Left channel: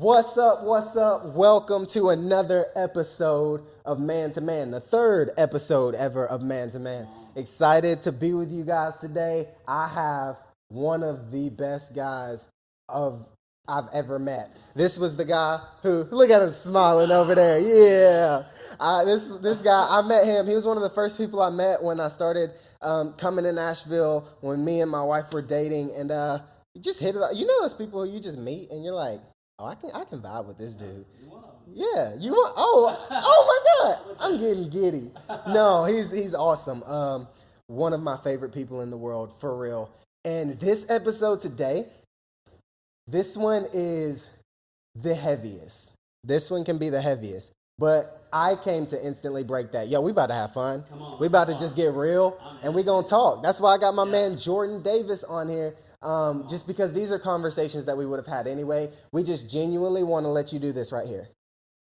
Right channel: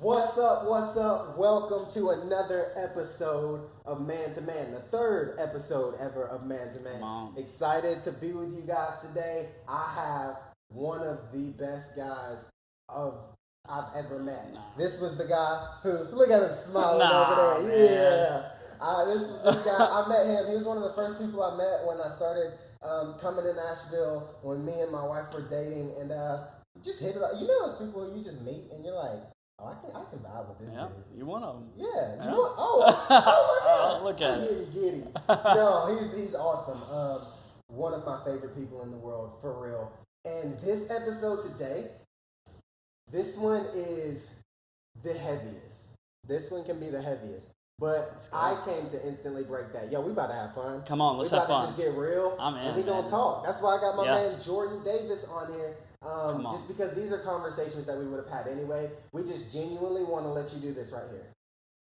What's up? What's up? Welcome to another episode of Man to Man, the third episode ever of Man to Man. Excited to be with you guys today. I have one of the best guys I've ever met. This was the guy who, look at him smiling over there. Yeah. This guy, I met him. He was one of the first people I met when I started coming to Nashville, when me and my wife were dating, and just hit it up. You know those people who you just meet and you're like, oh, I can vibe with this dude. You one of them. Yeah, you want? Oh my God! I'm getting giddy. No, he's awesome. One of my favorite people in the world, for real. And this episode today, this one is the heaviest. This one can be the heaviest. But I came to instantly break that. Yo, we about to have fun. Come on, we about to just get real, and we gonna talk. That's why I got my man Jordan Davis on here. Just because these are conversations that we would have had anyway. We just genuinely want to let you do this right here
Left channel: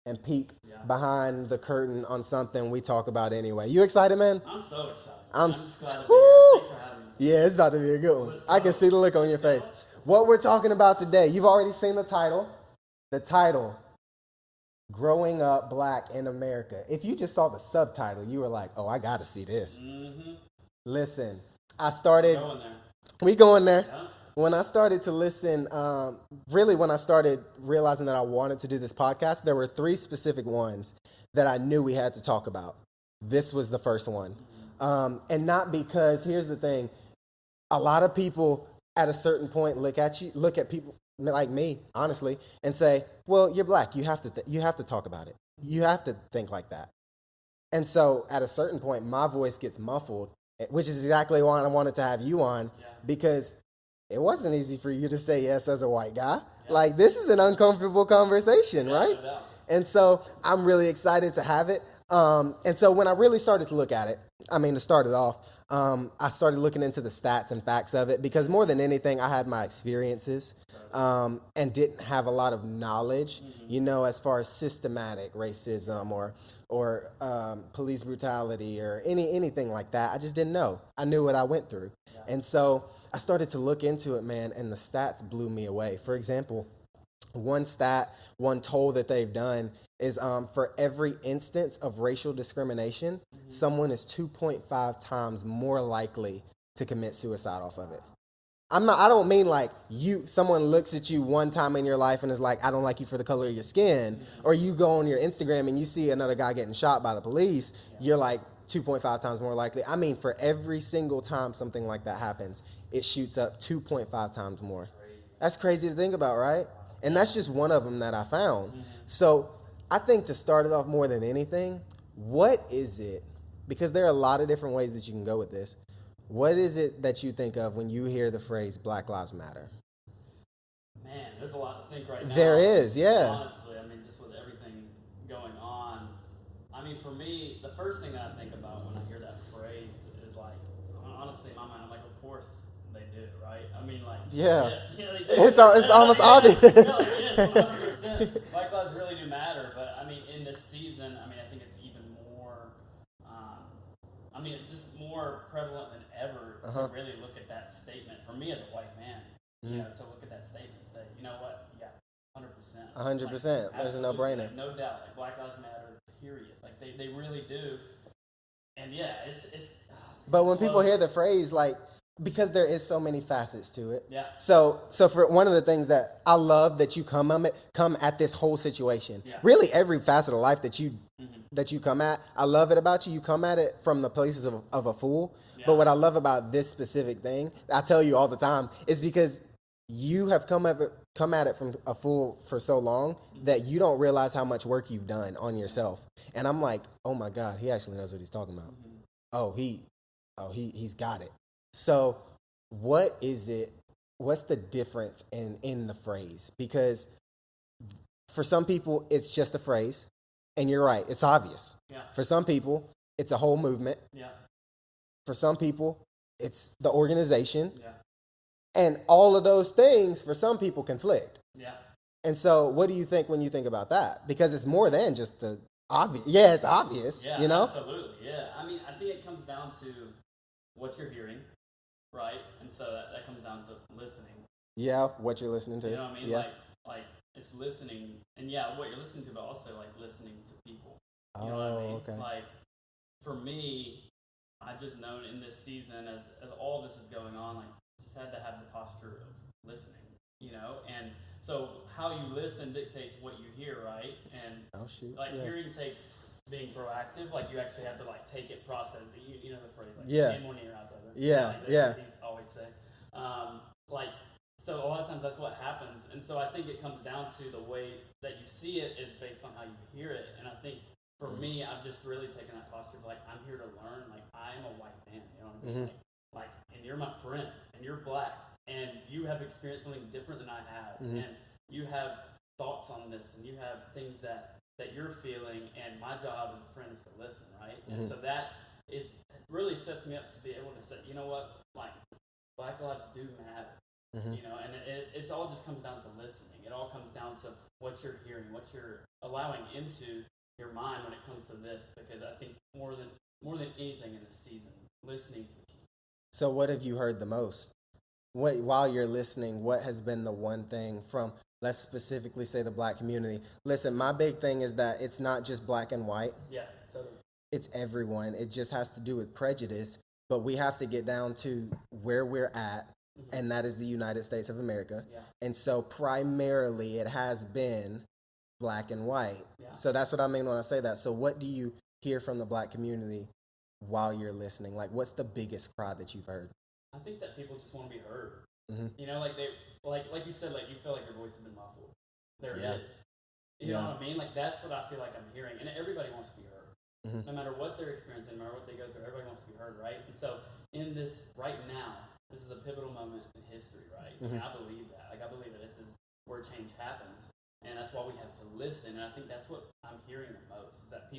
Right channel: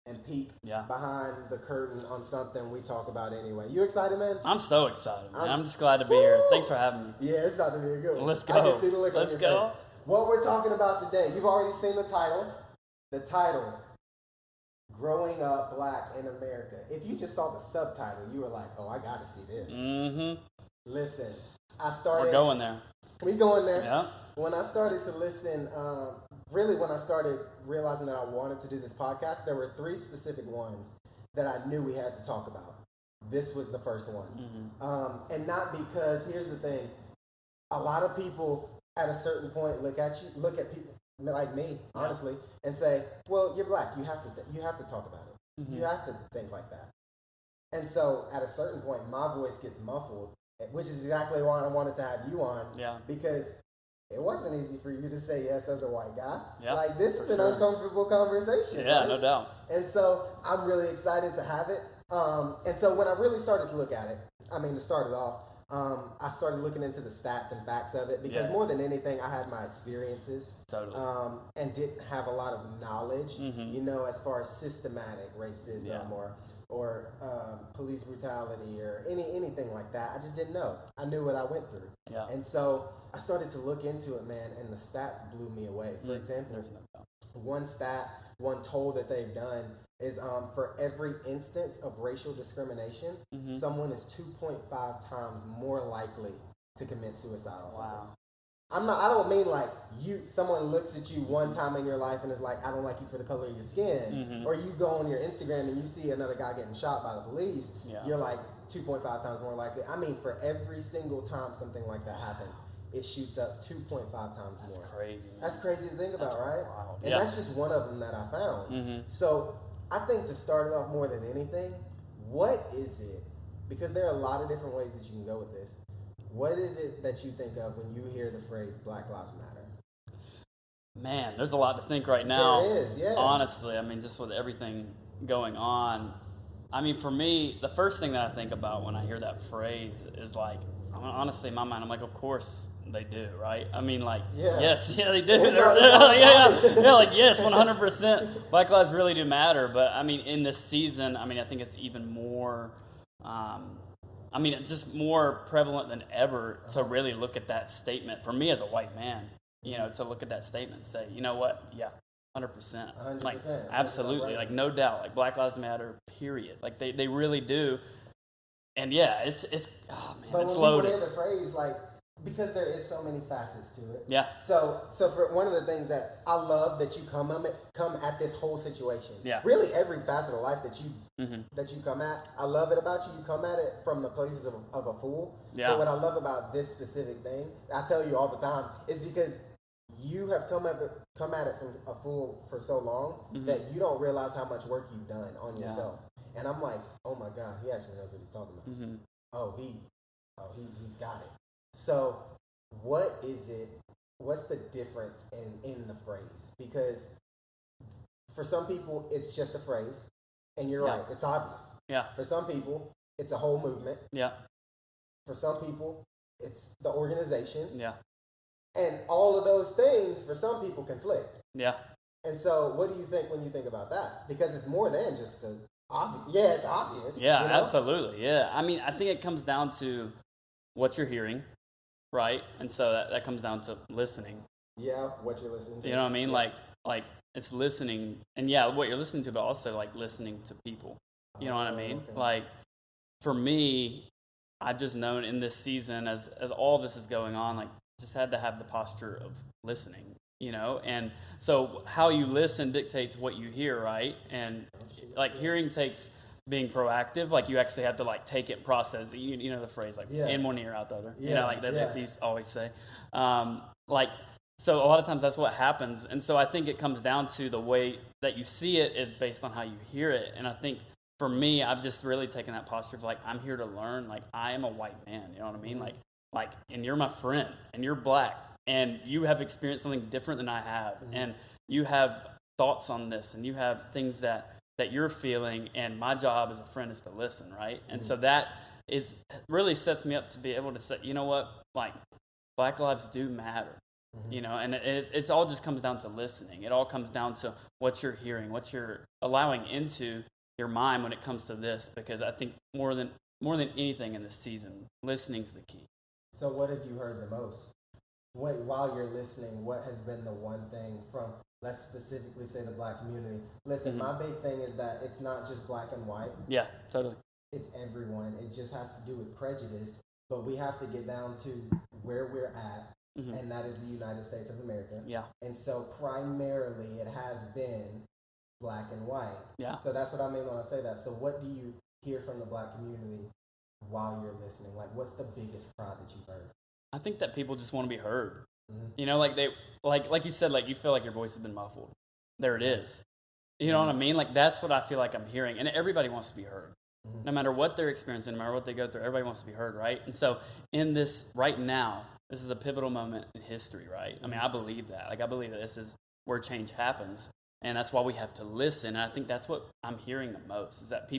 and peek behind the curtain on something we talk about anyway. You excited, man? I'm so excited. I'm just glad to be here. Thanks for having me. Yeah, it's about to be a good one. Let's go. I can see the look on your go. face. What we're talking about today, you've already seen the title. The title, Growing Up Black in America. If you just saw the subtitle, you were like, oh, I got to see this. Mm-hmm. Listen, I started... We're going there. We going there. Yeah. When I started to listen, really when I started realizing that I wanted to do this podcast, there were three specific ones that I knew we had to talk about. This was the first one. Mm-hmm. And not because, here's the thing, a lot of people at a certain point look at people like me, honestly, and say, well, you're black. You have to talk about it. Mm-hmm. You have to think like that. And so at a certain point, my voice gets muffled, which is exactly why I wanted to have you on, because it wasn't easy for you to say yes as a white guy. Yeah. Like, this is an uncomfortable conversation, right? No doubt. And so I'm really excited to have it. And so when I really started to look at it, to start it off, I started looking into the stats and facts of it because more than anything, I had my experiences and didn't have a lot of knowledge, as far as systematic racism or police brutality or anything like that. I just didn't know. I knew what I went through. Yeah. And so I started to look into it, man, and the stats blew me away. For example, one toll that they've done is for every instance of racial discrimination, someone is 2.5 times more likely to commit suicide off of it. I don't mean like someone looks at you one time in your life and is like, I don't like you for the color of your skin, or you go on your Instagram and you see another guy getting shot by the police, you're like 2.5 times more likely. I mean, for every single time something like that happens, it shoots up 2.5 times more. That's crazy to think about, right? And that's just one of them that I found. So I think to start it off more than anything, what is it? Because there are a lot of different ways that you can go with this. What is it that you think of when you hear the phrase Black Lives Matter? Man, there's a lot to think right now. There is, yeah. Honestly, just with everything going on, for me, the first thing that I think about when I hear that phrase is like, honestly, in my mind, I'm like, of course they do, right? Yes, they do. It's almost obvious. Yes, 100%. Black lives really do matter, but in this season, I think it's even more, it's just more prevalent than ever to really look at that statement. For me as a white man, to look at that statement and say, you know what? Yeah, 100%. 100%. Absolutely. No doubt. Black lives matter, period. They really do. And it's but when people hear the phrase, because there is so many facets to it. Yeah. So for one of the things that I love that you come at this whole situation. Yeah. Really every facet of life that you come at, I love it about you. You come at it from the places of a fool. Yeah. But what I love about this specific thing, I tell you all the time, is because you have come at it from a fool for so long that you don't realize how much work you've done on yourself. Yeah. And I'm like, oh my God, he actually knows what he's talking about. He's got it. So what is it? What's the difference in the phrase? Because for some people, it's just a phrase. And you're right, it's obvious. Yeah. For some people, it's a whole movement. Yeah. For some people, it's the organization. Yeah. And all of those things, for some people, conflict. Yeah. And so what do you think when you think about that? Because it's more than just the obvious. Yeah, it's obvious. Yeah, absolutely. Yeah. I think it comes down to what you're hearing. Right? And so that comes down to listening. Yeah, what you're listening to. You know what I mean? Yeah. like it's listening, and yeah, what you're listening to, but also like listening to people. You know what I mean? Okay. Like for me, I've just known in this season, as all this is going on, like just had to have the posture of listening. You know, and so how you listen dictates what you hear, right? And like hearing takes being proactive. Like you actually have to like take it, process. You know the phrase like in one ear out the other. Yeah, like that's what these always say. Like so, a lot of times that's what happens, and so I think it comes down to the way that you see it is based on how you hear it. And I think for me, I've just really taken that posture of like I'm here to learn. Like I am a white man. You know what I mean? Like, and you're my friend, and you're black. And you have experienced something different than I have, and you have thoughts on this, and you have things that you're feeling, and my job as a friend is to listen, right? And so that is really sets me up to be able to say, you know what, like Black lives do matter, you know, and it's all just comes down to listening. It all comes down to what you're hearing, what you're allowing into your mind when it comes to this, because I think more than anything in this season, listening's the key. So what have you heard the most? While you're listening, what has been the one thing from, let's specifically say, the Black community? Listen, my big thing is that it's not just black and white. Yeah, totally. It's everyone. It just has to do with prejudice, but we have to get down to where we're at, and that is the United States of America. Yeah. And so primarily it has been black and white. Yeah. So that's what I mean when I say that. So what do you hear from the Black community while you're listening? Like, what's the biggest cry that you've heard? I think that people just want to be heard. You know, like they like you said, like you feel like your voice has been muffled. There it is. You know what I mean? Like that's what I feel like I'm hearing. And everybody wants to be heard. No matter what they're experiencing, no matter what they go through, everybody wants to be heard, right? And so in this right now, this is a pivotal moment in history, right? I mean, I believe that. Like I believe that this is where change happens. And that's why we have to listen. And I think that's what I'm hearing the most, is that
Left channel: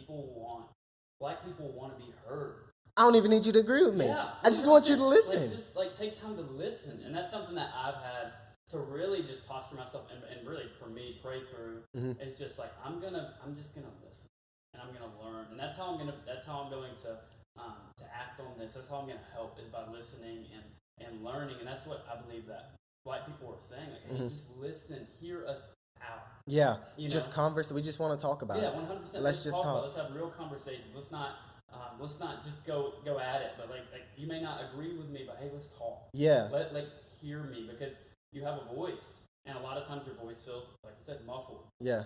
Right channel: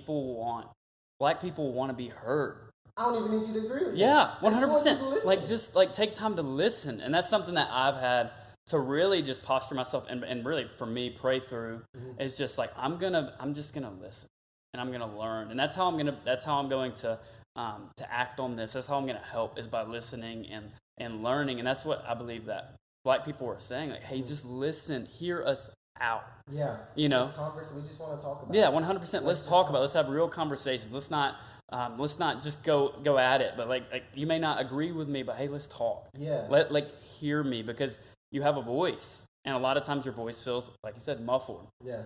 Black people want to be heard. I don't even need you to agree with me. Yeah, I just want you to listen. Like, just like take time to listen, and that's something that I've had to really just posture myself and really for me pray through. Is just like I'm just gonna listen, and I'm gonna learn, and that's how I'm going to act on this. That's how I'm gonna help, is by listening and learning, and that's what I believe that Black people are saying. Like, hey, just listen, hear us out. Yeah, you know, just converse. We just want to talk about. Yeah, it. 100%. Let's talk about it. Let's have real conversations. Let's not just go at it, but like you may not agree with me, but hey, let's talk. Yeah. Like hear me, because you have a voice, and a lot of times your voice feels, like you said, muffled. Yeah.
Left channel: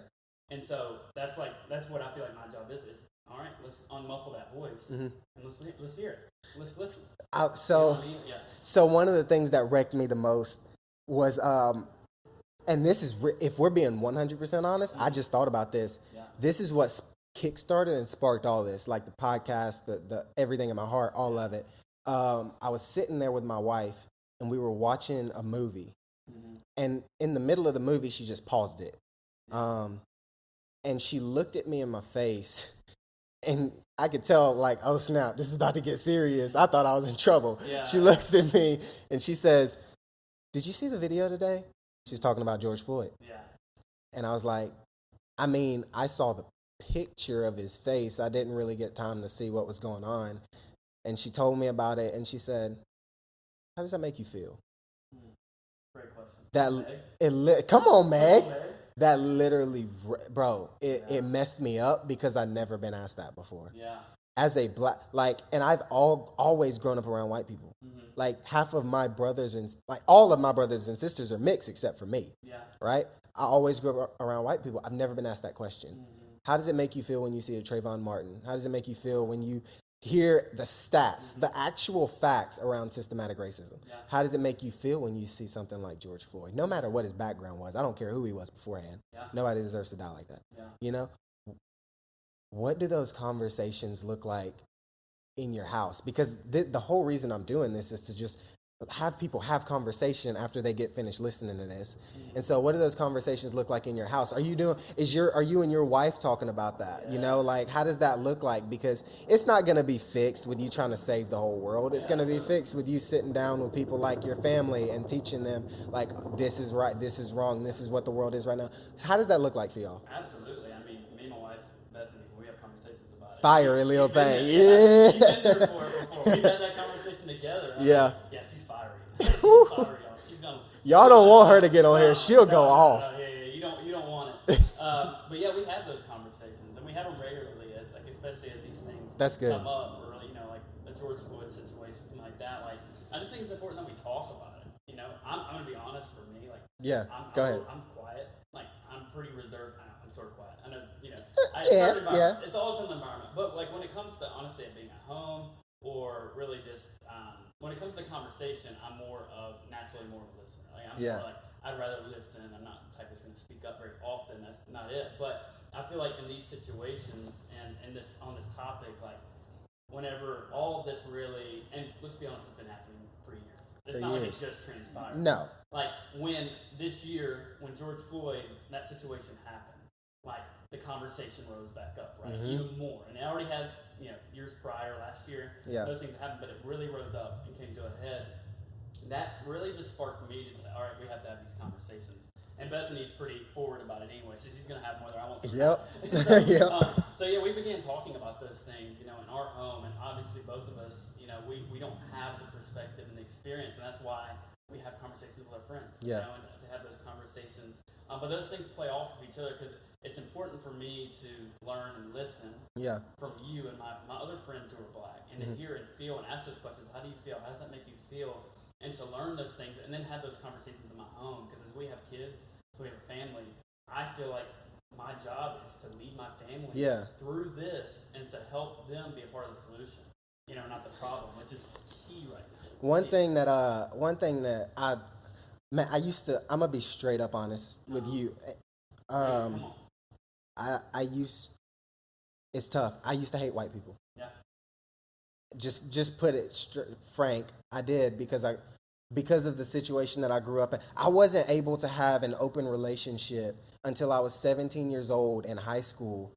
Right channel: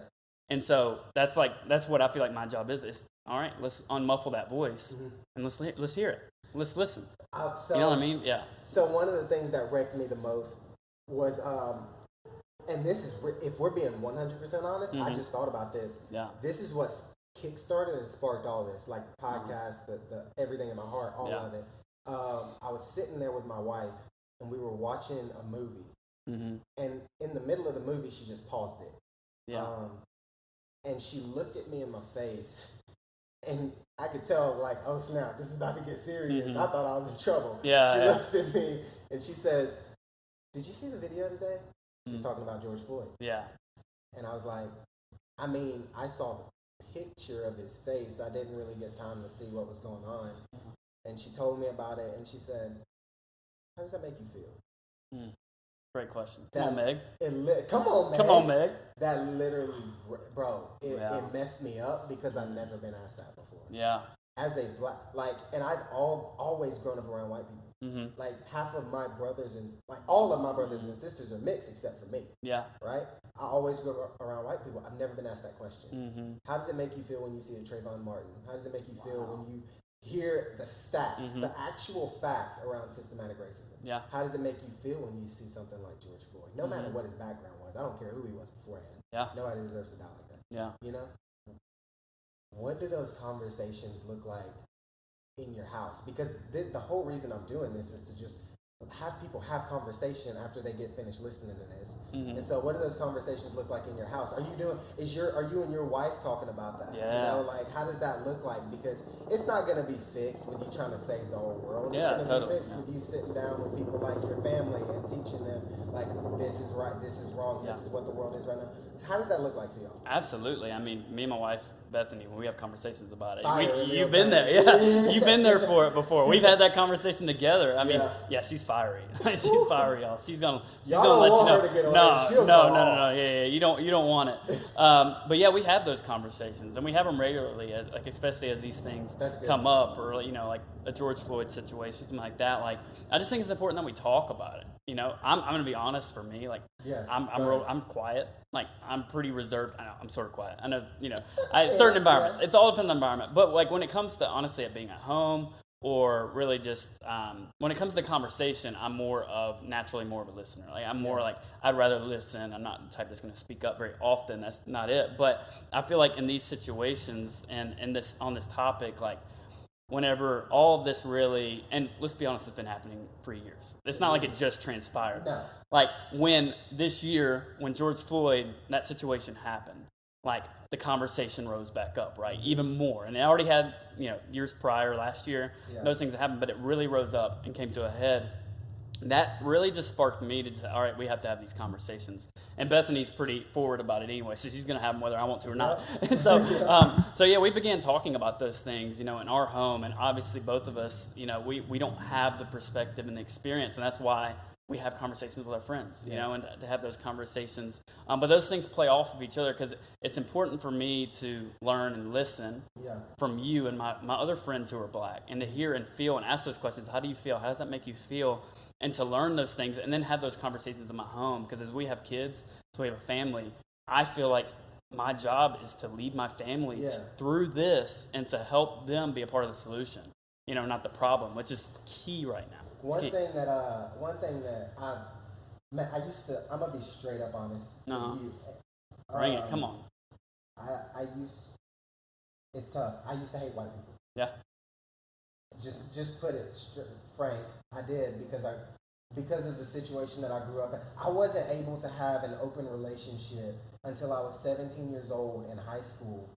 And so that's what I feel like my job is all right, let's unmuffle that voice and let's hear it. Let's listen. So you know what I mean? Yeah. So one of the things that wrecked me the most was and this is if we're being 100% honest, I just thought about this. Yeah. This is what kickstarted and sparked all this, like the podcast, the everything in my heart, all of it. I was sitting there with my wife, and we were watching a movie, and in the middle of the movie, she just paused it, and she looked at me in my face, and I could tell, like, oh snap, this is about to get serious. I thought I was in trouble. She looks at me and she says, "Did you see the video today?" She's talking about George Floyd. Yeah. And I was like, I mean, I saw the picture of his face. I didn't really get time to see what was going on. And she told me about it, and she said, "How does that make you feel?" Great question. Come on, Meg. Come on, Meg. Come on, Meg. That literally, bro, it messed me up because I'd never been asked that before. Yeah. As a Black, like, and I've always grown up around white people. Like half of my brothers and like all of my brothers and sisters are mixed except for me. Yeah. Right? I always grew up around white people. I've never been asked that question. How does it make you feel when you see a Trayvon Martin? How does it make you feel when you hear the stats, the actual facts around systematic racism? Yeah. How does it make you feel when you see something like George Floyd? No matter what his background was. I don't care who he was beforehand. Yeah. Nobody deserves to die like that. Yeah. You know? What do those conversations look like in your house? Because the whole reason I'm doing this is to just have people have conversation after they get finished listening to this. And so what do those conversations look like in your house? Are you and your wife talking about that? Yeah. You know, like how does that look like? Because it's not going to be fixed with you trying to save the whole world. It's going to be fixed with you sitting down with people like your family and teaching them like this is right, this is wrong, this is what the world is right now. How does that look like for y'all? Absolutely. I mean, me and my wife Bethany when we have conversations about it. Fiery You've been there. Yeah. You've been there for it before. We've had that conversation together. I mean, she's fiery. She's fiery, y'all. Y'all don't want her to get on here. She'll go off. No. Yeah. You don't want it. But yeah, we have those conversations, and we have them regularly, especially as these things come up, or like a George Floyd situation, something like that. Like, I just think it's important that we talk about it. I'm gonna be honest. For me, I'm quiet. Like, I'm pretty reserved. I know I'm sort of quiet. I know, certain environments. It's all depends on the environment. But like when it comes to honestly being at home, or really just when it comes to conversation, I'm naturally more of a listener. Like, I'm more like, I'd rather listen. I'm not the type that's going to speak up very often. That's not it. But I feel like in these situations and on this topic, like, whenever all of this really, and let's be honest, it's been happening for years. It's not like it just transpired. No. Like, when this year, when George Floyd, that situation happened, like, the conversation rose back up, right? Mm-hmm. Even more. And it already had, years prior, last year, those things happened, but it really rose up and came to a head. That really just sparked me to say, all right, we have to have these conversations. And Bethany's pretty forward about it anyway, so she's going to have them whether I want to or not. So we began talking about those things, in our home. And obviously both of us, we don't have the perspective and the experience, and that's why we have conversations with our friends, and to have those conversations. But those things play off of each other, because it's important for me to learn and listen from you and my other friends who are Black, and to hear and feel and ask those questions. How do you feel? How does that make you feel? And to learn those things and then have those conversations in my home. Because as we have kids, so we have a family, I feel like my job is to lead my family through this and to help them be a part of the solution, not the problem, which is key right now. One thing that I'm gonna be straight up honest with you. Come on. It's tough. I used to hate white people. Yeah. Just put it frank. I did because of the situation that I grew up in. I wasn't able to have an open relationship until I was 17 years old in high school,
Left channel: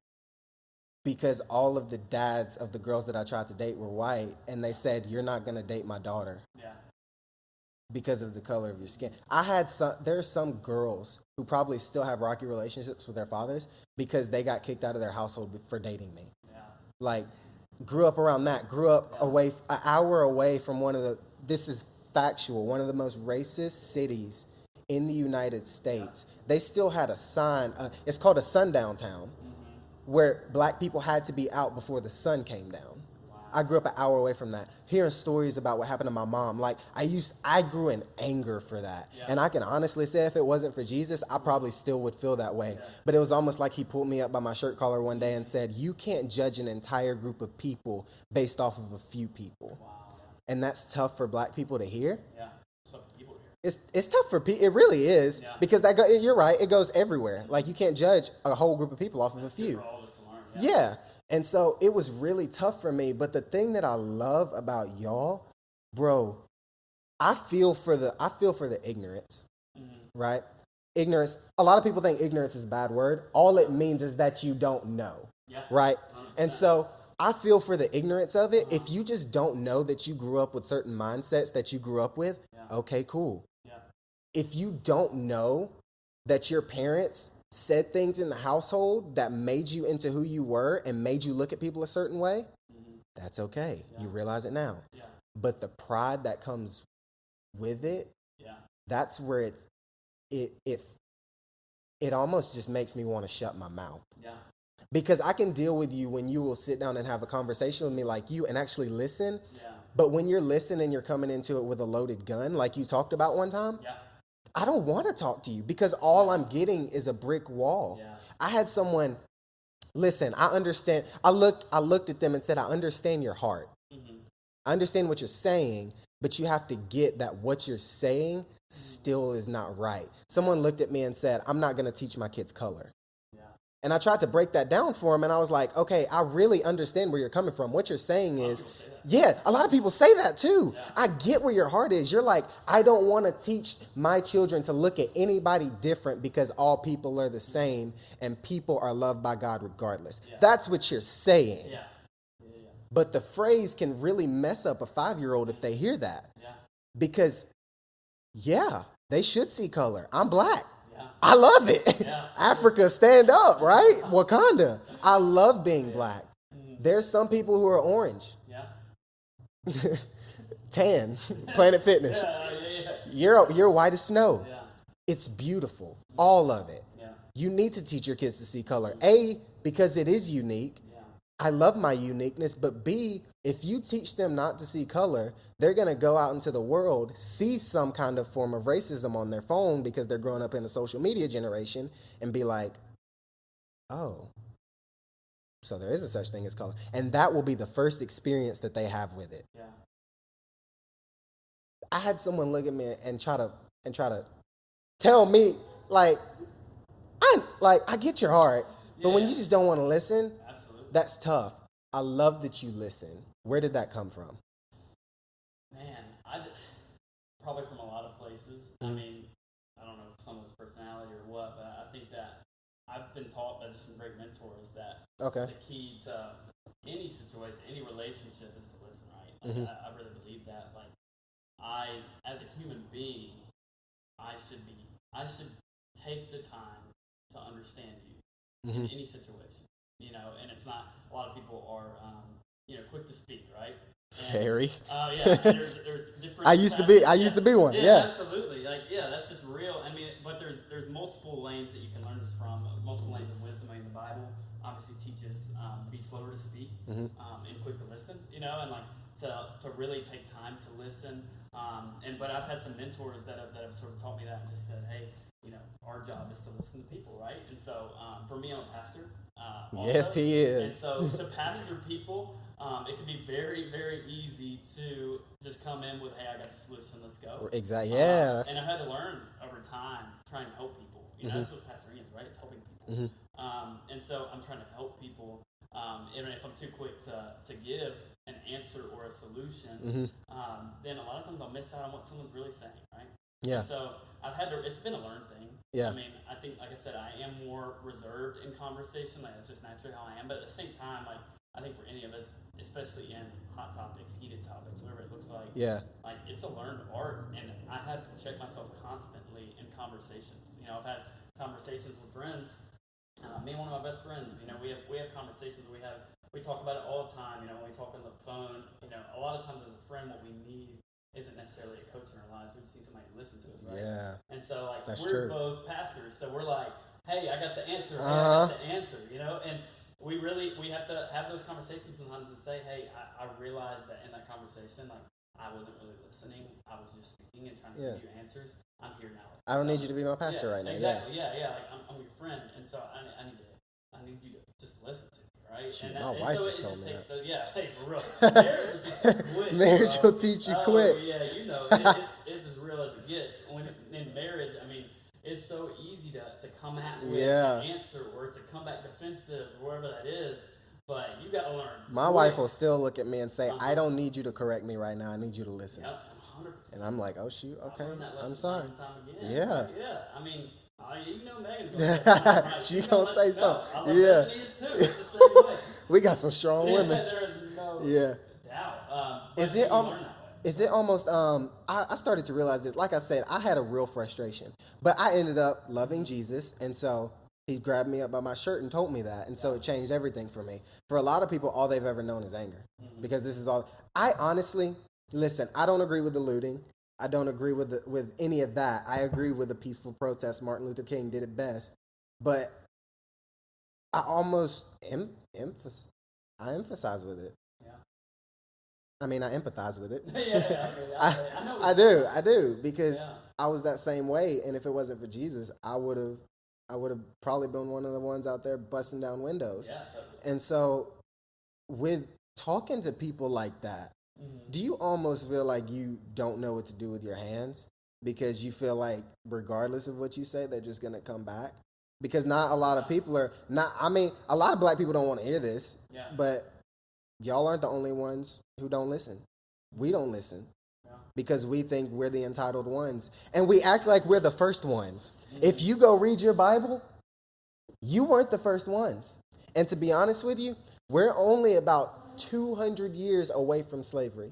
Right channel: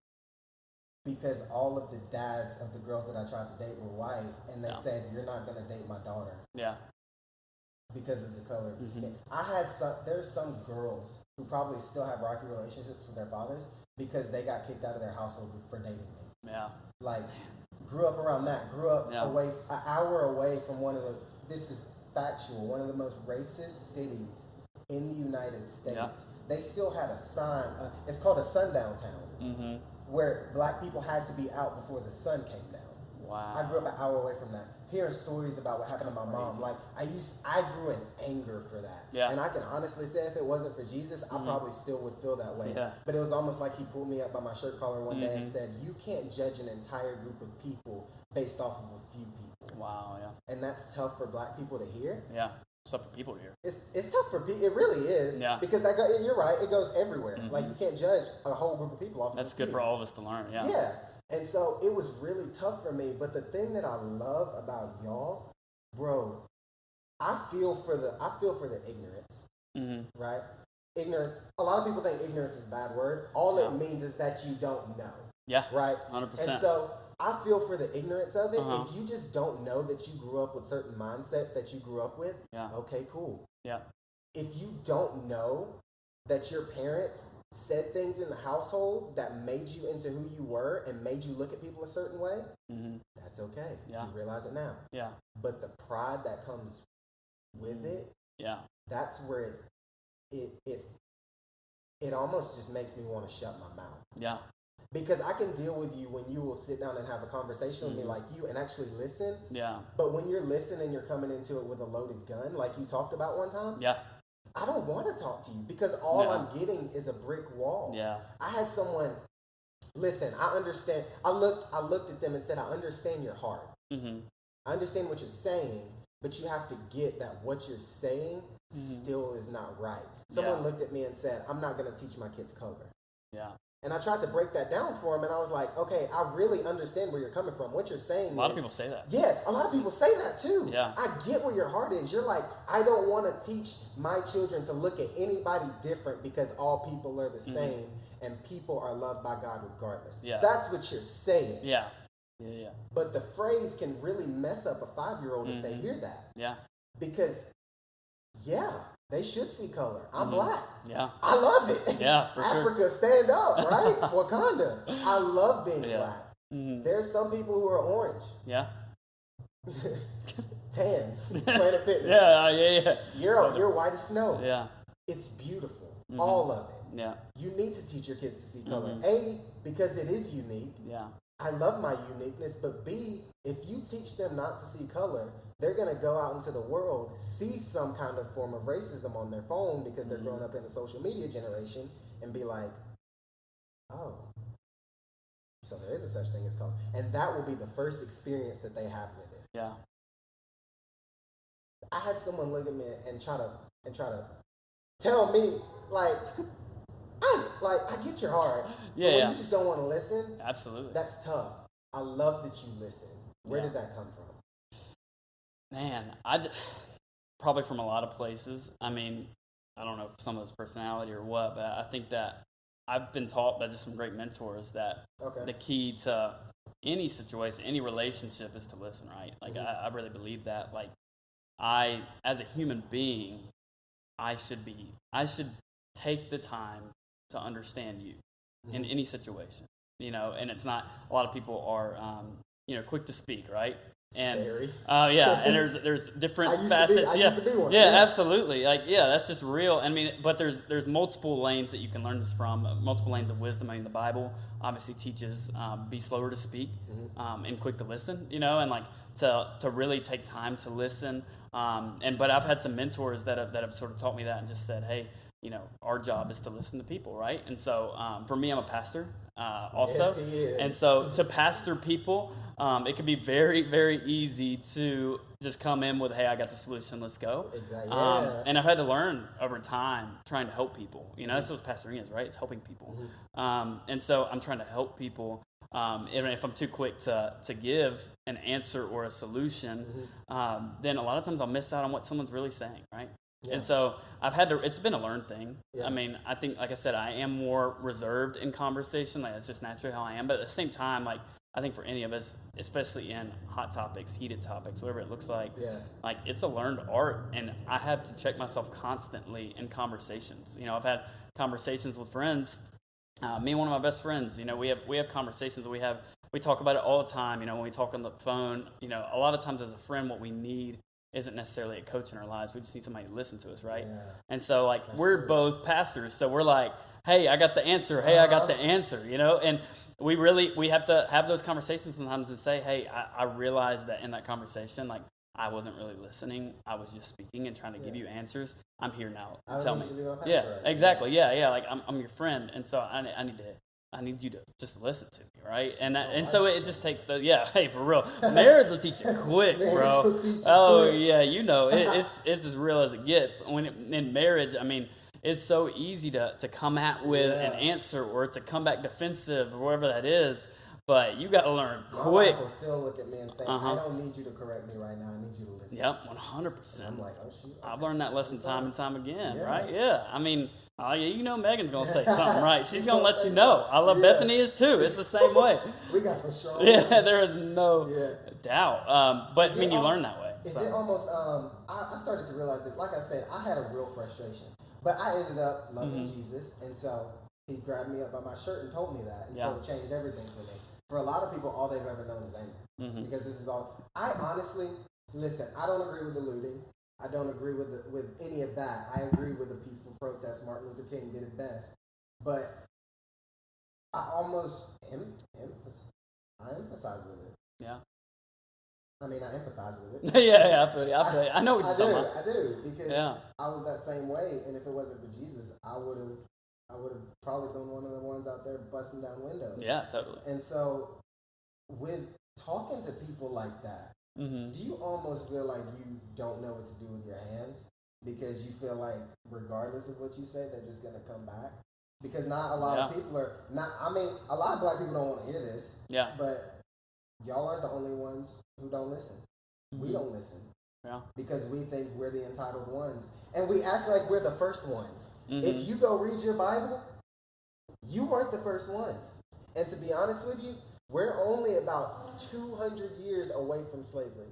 because all of the dads of the girls that I tried to date were white, and they said, "You're not going to date my daughter." Yeah. Because of the color of your skin. There's some girls who probably still have rocky relationships with their fathers because they got kicked out of their household for dating me. Yeah. Like, grew up around that, away, an hour away from this is factual, one of the most racist cities in the United States. They still had a sign, it's called a sundown town, where Black people had to be out before the sun came down. Wow. I grew up an hour away from that, hearing stories about what happened to my mom. Like, I grew in anger for that. Yeah. And I can honestly say, if it wasn't for Jesus, I probably still would feel that way. Yeah. But it was almost like he pulled me up by my shirt collar one day and said, you can't judge an entire group of people based off of a few people. Wow, yeah. And that's tough for Black people to hear. Yeah, it's tough for people to hear. It's tough for people. It really is. Yeah. Because you're right. It goes everywhere. Like, you can't judge a whole group of people off of a few. That's good for all of us to learn. Yeah. Yeah. And so it was really tough for me. But the thing that I love about y'all, bro, I feel for the ignorance, right? Ignorance. A lot of people think ignorance is a bad word. All it means is that you don't know. Yeah. Right? 100%. And so I feel for the ignorance of it. If you just don't know that you grew up with certain mindsets that you grew up with, okay, cool. Yeah. If you don't know that your parents said things in the household that made you into who you were and made you look at people a certain way, that's okay. Yeah. You realize it now. Yeah. But the pride that comes with it, that's where it almost just makes me want to shut my mouth. Yeah. Because I can deal with you when you will sit down and have a conversation with me like you and actually listen. Yeah. But when you're listening, you're coming into it with a loaded gun, like you talked about one time. Yeah. I don't want to talk to you because all I'm getting is a brick wall. Yeah. I had someone, listen, I understand. I looked at them and said, I understand your heart. I understand what you're saying, but you have to get that what you're saying still is not right. Someone looked at me and said, I'm not going to teach my kids color. Yeah. And I tried to break that down for him, and I was like, okay, I really understand where you're coming from. What you're saying is... A lot of people say that. Yeah, a lot of people say that too. Yeah. I get where your heart is. You're like, I don't want to teach my children to look at anybody different because all people are the same, and people are loved by God regardless. Yeah. That's what you're saying. Yeah. Yeah. But the phrase can really mess up a 5-year-old if they hear that. Yeah. Because Yeah, they should see color. I'm black. Yeah. I love it. Yeah, for Africa, stand up, right? Wakanda. I love being black. Mm-hmm. There's some people who are orange. Yeah. Tan. Planet Fitness. Yeah. You're white as snow. Yeah. It's beautiful. All of it. Yeah. You need to teach your kids to see color. A, because it is unique. Yeah. I love my uniqueness, but B, if you teach them not to see color, they're going to go out into the world, see some kind of form of racism on their phone because they're growing up in a social media generation and be like, oh, so there is a such thing as color. And that will be the first experience that they have with it. Yeah. I had someone look at me and try to tell me, like, I get your heart, but when you just don't want to listen, absolutely, that's tough. I love that you listen. Where did that come from? Man, probably from a lot of places. I mean, I don't know if some of it's personality or what, but I think that I've been taught by just some great mentors that the key to any situation, any relationship is to listen, right? Like, I really believe that. Like, as a human being, I should take the time to understand you in any situation, and it's not, a lot of people are, quick to speak, right? And, Very. Yeah, and there's different. I used to be one. Yeah, absolutely. Like, yeah, that's just real. I mean, but there's multiple lanes that you can learn this from. Multiple lanes of wisdom. I mean, the Bible obviously teaches be slower to speak and quick to listen. And like to really take time to listen. But I've had some mentors that have sort of taught me that and just said, hey, our job is to listen to people, right? And so for me, I'm a pastor also. Yes, he is. And so to pastor people, it can be very, very easy to just come in with, hey, I got the solution, let's go. Exactly, yeah. And I've had to learn over time trying to help people. That's what pastoring is, right? It's helping people. And so I'm trying to help people. And if I'm too quick to give an answer or a solution, then a lot of times I'll miss out on what someone's really saying, right? Yeah. And so it's been a learned thing. Yeah. I mean, I think, like I said, I am more reserved in conversation. Like, that's just naturally how I am. But at the same time, like, I think for any of us, especially in hot topics, heated topics, whatever it looks like, like, it's a learned art. And I have to check myself constantly in conversations. I've had conversations with friends. Me and one of my best friends, we have conversations. We talk about it all the time. When we talk on the phone, a lot of times as a friend, what we need isn't necessarily a coach in our lives. We just need somebody to listen to us, right? Yeah. And so, like, we're both pastors, so we're like, hey, I got the answer. Hey, I got the answer, And we have to have those conversations sometimes and say, hey, I realized that in that conversation, like, I wasn't really listening. I was just speaking and trying to give you answers. I'm here now. I don't need you to be my pastor right now. Exactly. Yeah. Like, I'm your friend, and so I need you to just listen to me, right? And so it just takes hey, for real. Marriage will teach you quick, bro. Marriage will teach you quick. Oh, yeah, it's as real as it gets. In marriage, I mean, it's so easy to come at with an answer or to come back defensive or whatever that is. But you got to learn quick. My wife will still look at me and say, I don't need you to correct me right now. I need you to listen. Yep, 100%. And I'm like, oh, shoot. Okay. I've learned that lesson time and time again. Yeah. Right? Yeah. I mean, Megan's going to say something, right? She's going to let you know. I love Bethany is too. It's the same way. We got some strong women. There is no doubt. But when you learn that way. Is it almost, I started to realize this. Like I said, I had a real frustration. But I ended up loving Jesus. And so he grabbed me up by my shirt and told me that. And so it changed everything for me. For a lot of people, all they've ever known is anger. Because this is all. I honestly, listen, I don't agree with the looting. I don't agree with any of that. I agree with the peaceful protest. Martin Luther King did it best. But I almost emphasize with it. Yeah. I mean, I empathize with it. I know what you're saying. I do, because I was that same way. And if it wasn't for Jesus, I would have probably been one of the ones out there busting down windows. Yeah, totally. And so with talking to people like that, do you almost feel like you don't know what to do with your hands? Because you feel like regardless of what you say, they're just going to come back? Because not a lot of people are not, I mean, a lot of black people don't want to hear this. Yeah. But y'all aren't the only ones who don't listen. We don't listen. Yeah. Because we think we're the entitled ones. And we act like we're the first ones. If you go read your Bible, you weren't the first ones. And to be honest with you, we're only about 200 years away from slavery.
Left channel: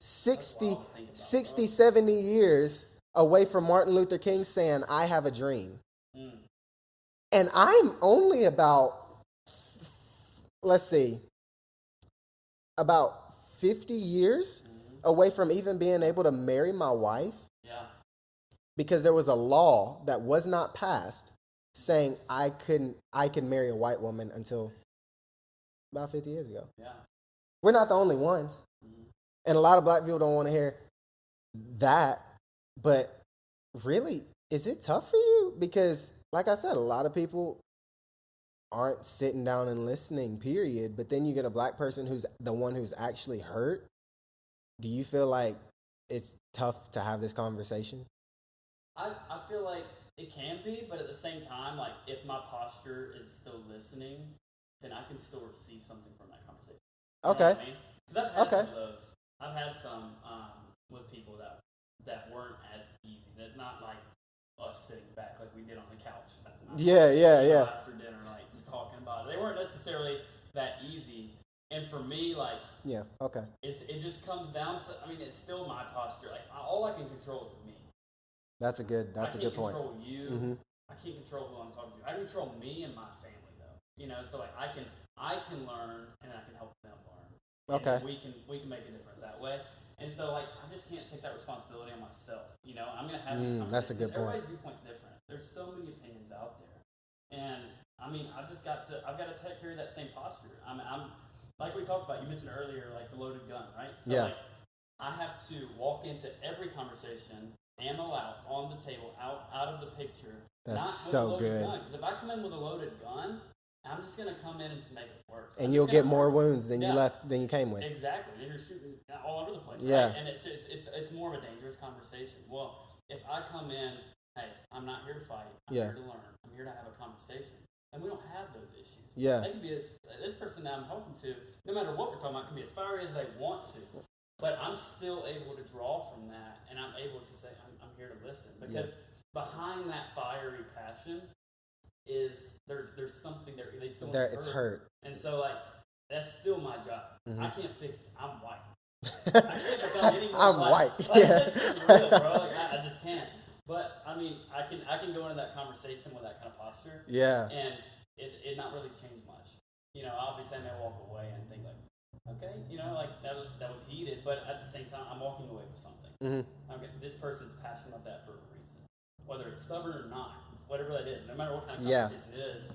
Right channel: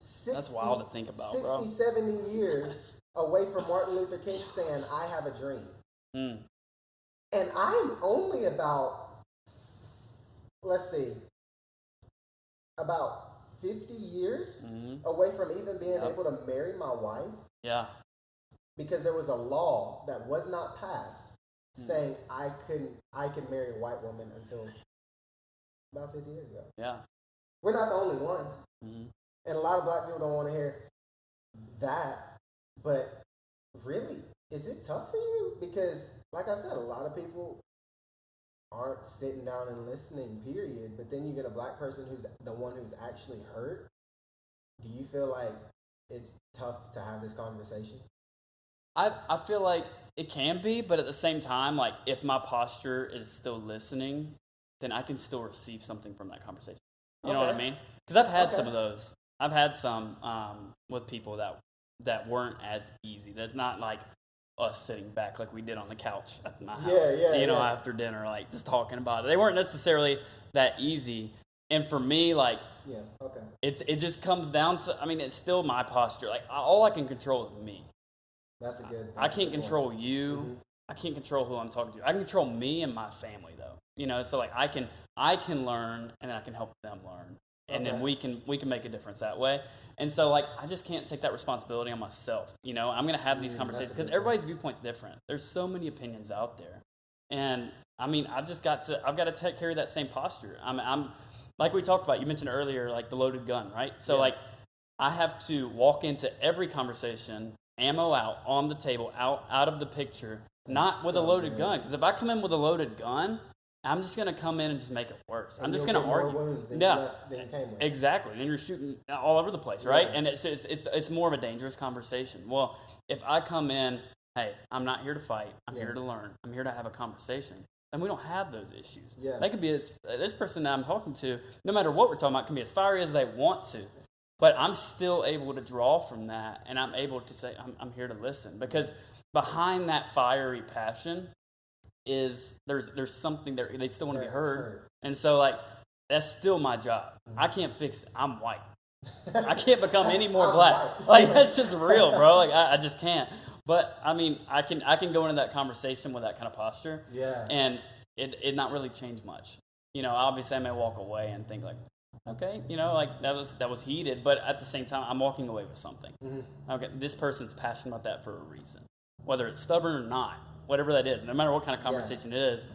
60, wild to think about, 60 bro. 70 years away from Martin Luther King saying, I have a dream. Mm. And I'm only about, let's see, about 50 years away from even being able to marry my wife. Yeah. Because there was a law that was not passed saying I could marry a white woman until about 50 years ago. Yeah. We're not the only ones. Mm-hmm. And a lot of black people don't want to hear that. But really, is it tough for you? Because, like I said, a lot of people aren't sitting down and listening, period. But then you get a black person who's the one who's actually hurt. Do you feel like it's tough to have this conversation? I feel like it can be, but at the same time, like, if my posture is still listening, then I can still receive something from that conversation. You know what I mean? Because I've had some of those. I've had some with people that weren't as easy. That's not like us sitting back like we did on the couch at my house. You know, after dinner, like just talking about it. They weren't necessarily that easy. And for me, like, it just comes down to, I mean, it's still my posture. Like, all I can control is me. That's a good. I can't control you. Mm-hmm. I can't control who I'm talking to. I can control me and my family, though. You know, so like I can learn, and I can help them learn, and then we can make a difference that way. And so, like, I just can't take that responsibility on myself. You know, I'm gonna have these conversations because everybody's viewpoint's different. There's so many opinions out there, and I mean, I've got to take care of that same posture. I'm like we talked about. You mentioned earlier, like the loaded gun, right? So like, I have to walk into every conversation, ammo out on the table, out of the picture, not with a loaded gun. Because if I come in with a loaded gun, I'm just gonna come in and just make it worse. And you'll get more wounds than you came with. Exactly. Then you're shooting all over the place, right? And it's more of a dangerous conversation. Well, if I come in, hey, I'm not here to fight. I'm here to learn. I'm here to have a conversation. And we don't have those issues. Yeah. They could be this person that I'm talking to, no matter what we're talking about, can be as fiery as they want to. But I'm still able to draw from that, and I'm able to say, I'm here to listen. Because behind that fiery passion is there's something there. They still want to be heard. And so, like, that's still my job. I can't fix it. I'm white. I can't become any more black. White. Like, that's just real, bro. Like, I just can't. But, I mean, I can go into that conversation with that kind of posture. Yeah. And it not really change much. You know, obviously I may walk away and think, like, okay, you know, like that was heated, but at the same time, I'm walking away with something. Mm-hmm. Okay, this person's passionate about that for a reason, whether it's stubborn or not, whatever that is. No matter what kind of conversation it is,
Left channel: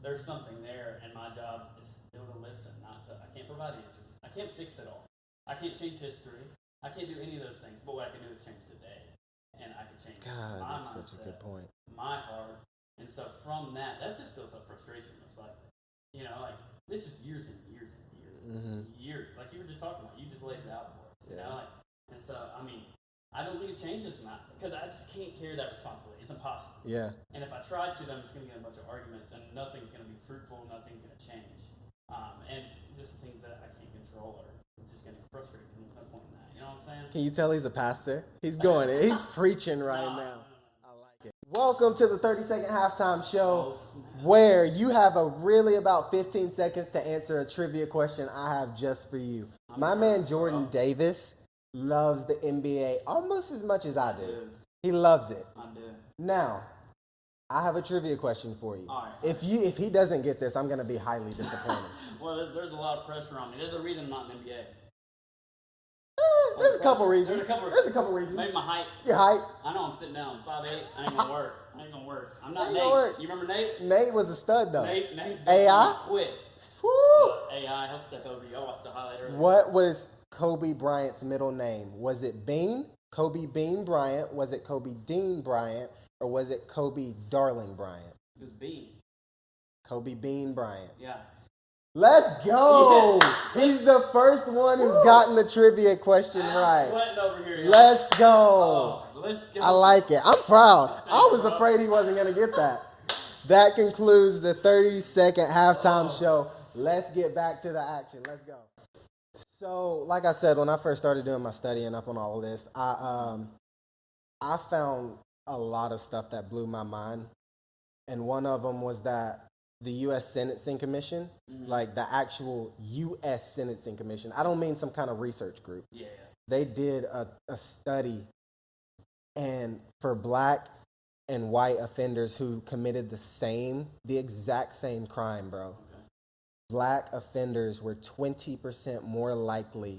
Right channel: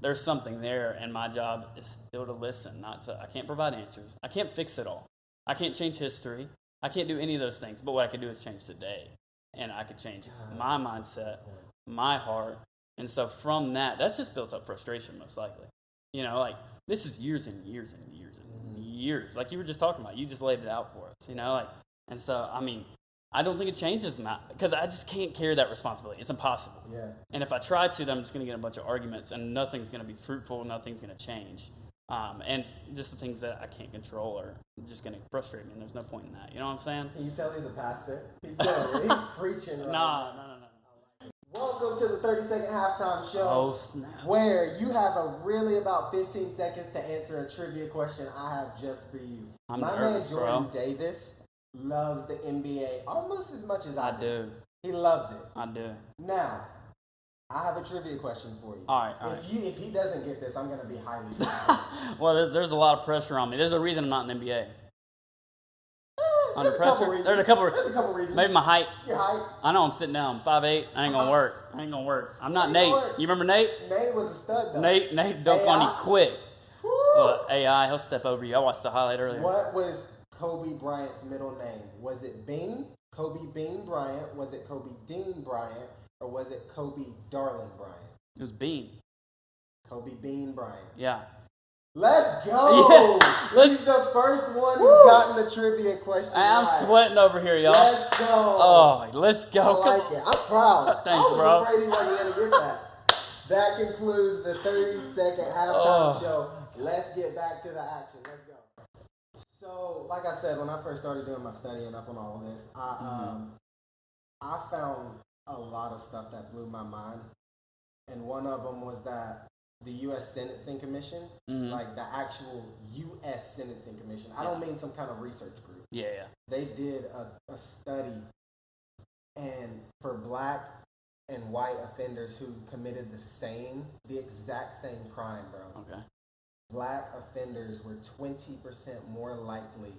there's something there, and my job is still to listen. I can't provide answers. I can't fix it all. I can't change history. I can't do any of those things. But what I can do is change today, and I can change my mindset, my heart, and so from that, that's just built up frustration, most likely. You know, like this is years and years and years. Years, like you were just talking about. You just laid it out for us, you know, like, and so I mean, I don't think it changes because I just can't carry that responsibility. It's impossible. Yeah. And if I try to, then I'm just going to get a bunch of arguments, and nothing's going to be fruitful. Nothing's going to change. And just the things that I can't control are just going to frustrate me, and there's no point in that. You know what I'm saying? Can you tell he's a pastor? He's doing it. He's preaching right now. No. Welcome to the 30-second halftime show, where you have really about 15 seconds to answer a trivia question I have just for you. My man Jordan Davis loves the NBA almost as much as I do. He loves it. I do. Now, I have a trivia question for you. All right. If he doesn't get this, I'm going to be highly disappointed. Well, there's a lot of pressure on me. There's a reason I'm not in the NBA. There's a couple reasons. There's a couple reasons. Maybe my height. Your height. I know I'm sitting down. 5'8". I ain't gonna work. I'm not Nate. You remember Nate? Nate was a stud though. Nate don't find me quick. AI, he'll step over you. I watched the highlight earlier. What was Kobe Bryant's middle name? Was it Bean? Kobe Bean Bryant? Was it Kobe Dean Bryant? Or was it Kobe Darling Bryant? It was Bean. Kobe Bean Bryant. Yeah. Let's go! Yeah. He's the first one who's gotten the trivia question right. I'm sweating over here, y'all. Let's go! Oh, let's go! I like it. I'm proud. Thanks, I was afraid he wasn't going to get that. That concludes the 30-second halftime show. Let's get back to the action. Let's go. So, like I said, when I first started doing my studying up on all of this, I found a lot of stuff that blew my mind. And one of them was that the U.S. Sentencing Commission, like the actual U.S. Sentencing Commission. I don't mean some kind of research group. Yeah. They did a study, and for black and white offenders who committed the exact same crime, bro. Okay. Black offenders were 20% more likely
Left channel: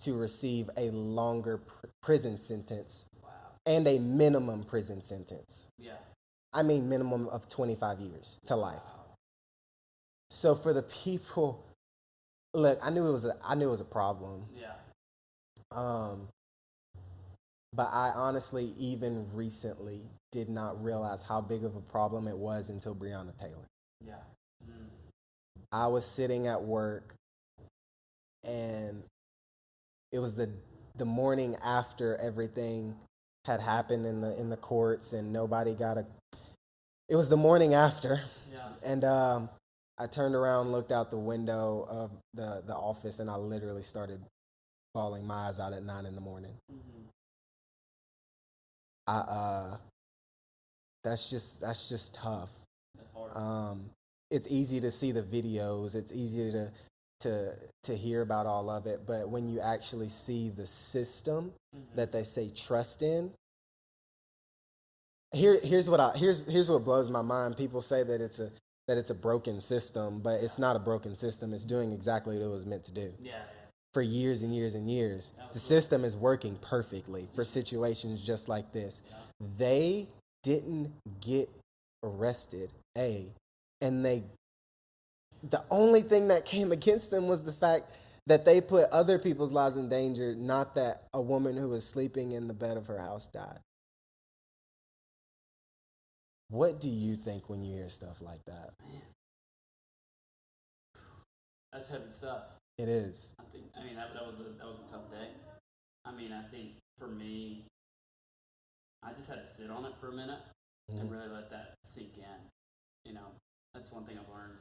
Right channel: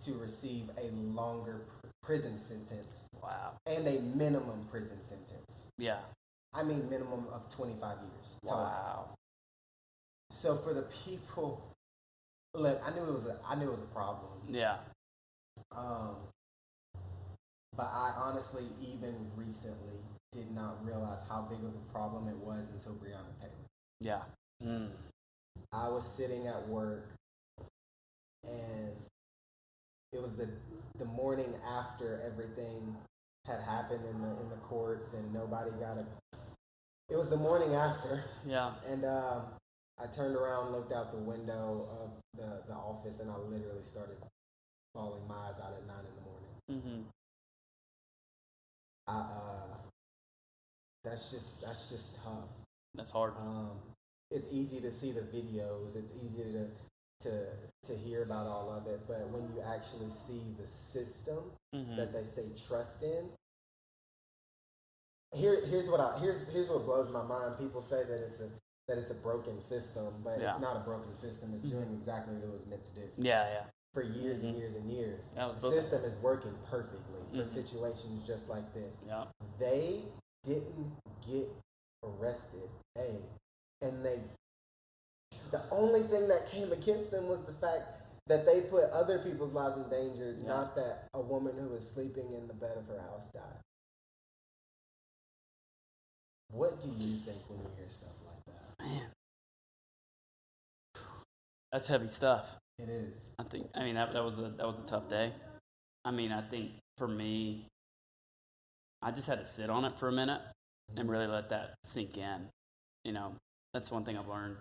to receive a longer prison sentence. Wow. And a minimum prison sentence. Yeah. I mean minimum of 25 years to life. So for the people, look, I knew it was a problem. Yeah. But I honestly, even recently, did not realize how big of a problem it was until Breonna Taylor. Yeah. I was sitting at work, and it was the morning after everything had happened in the courts, and nobody got it was the morning after. Yeah. And I turned around, looked out the window of the office, and I literally started bawling my eyes out at 9 in the morning. That's just tough. That's hard. It's easy to see the videos. It's easy to hear about all of it, but when you actually see the system that they say trust in, here's what blows my mind. People say that it's a broken system, but it's not a broken system. It's doing exactly what it was meant to do. Yeah. For years and years and years, the system is working perfectly for situations just like this. Yeah. They didn't get arrested, and the only thing that came against them was the fact that they put other people's lives in danger, not that a woman who was sleeping in the bed of her house died. What do you think when you hear stuff like that? Man. That's heavy stuff. It is. I mean, that was a tough day. I mean, I think for me, I just had to sit on it for a minute and really let that sink in. You know, that's one thing I've learned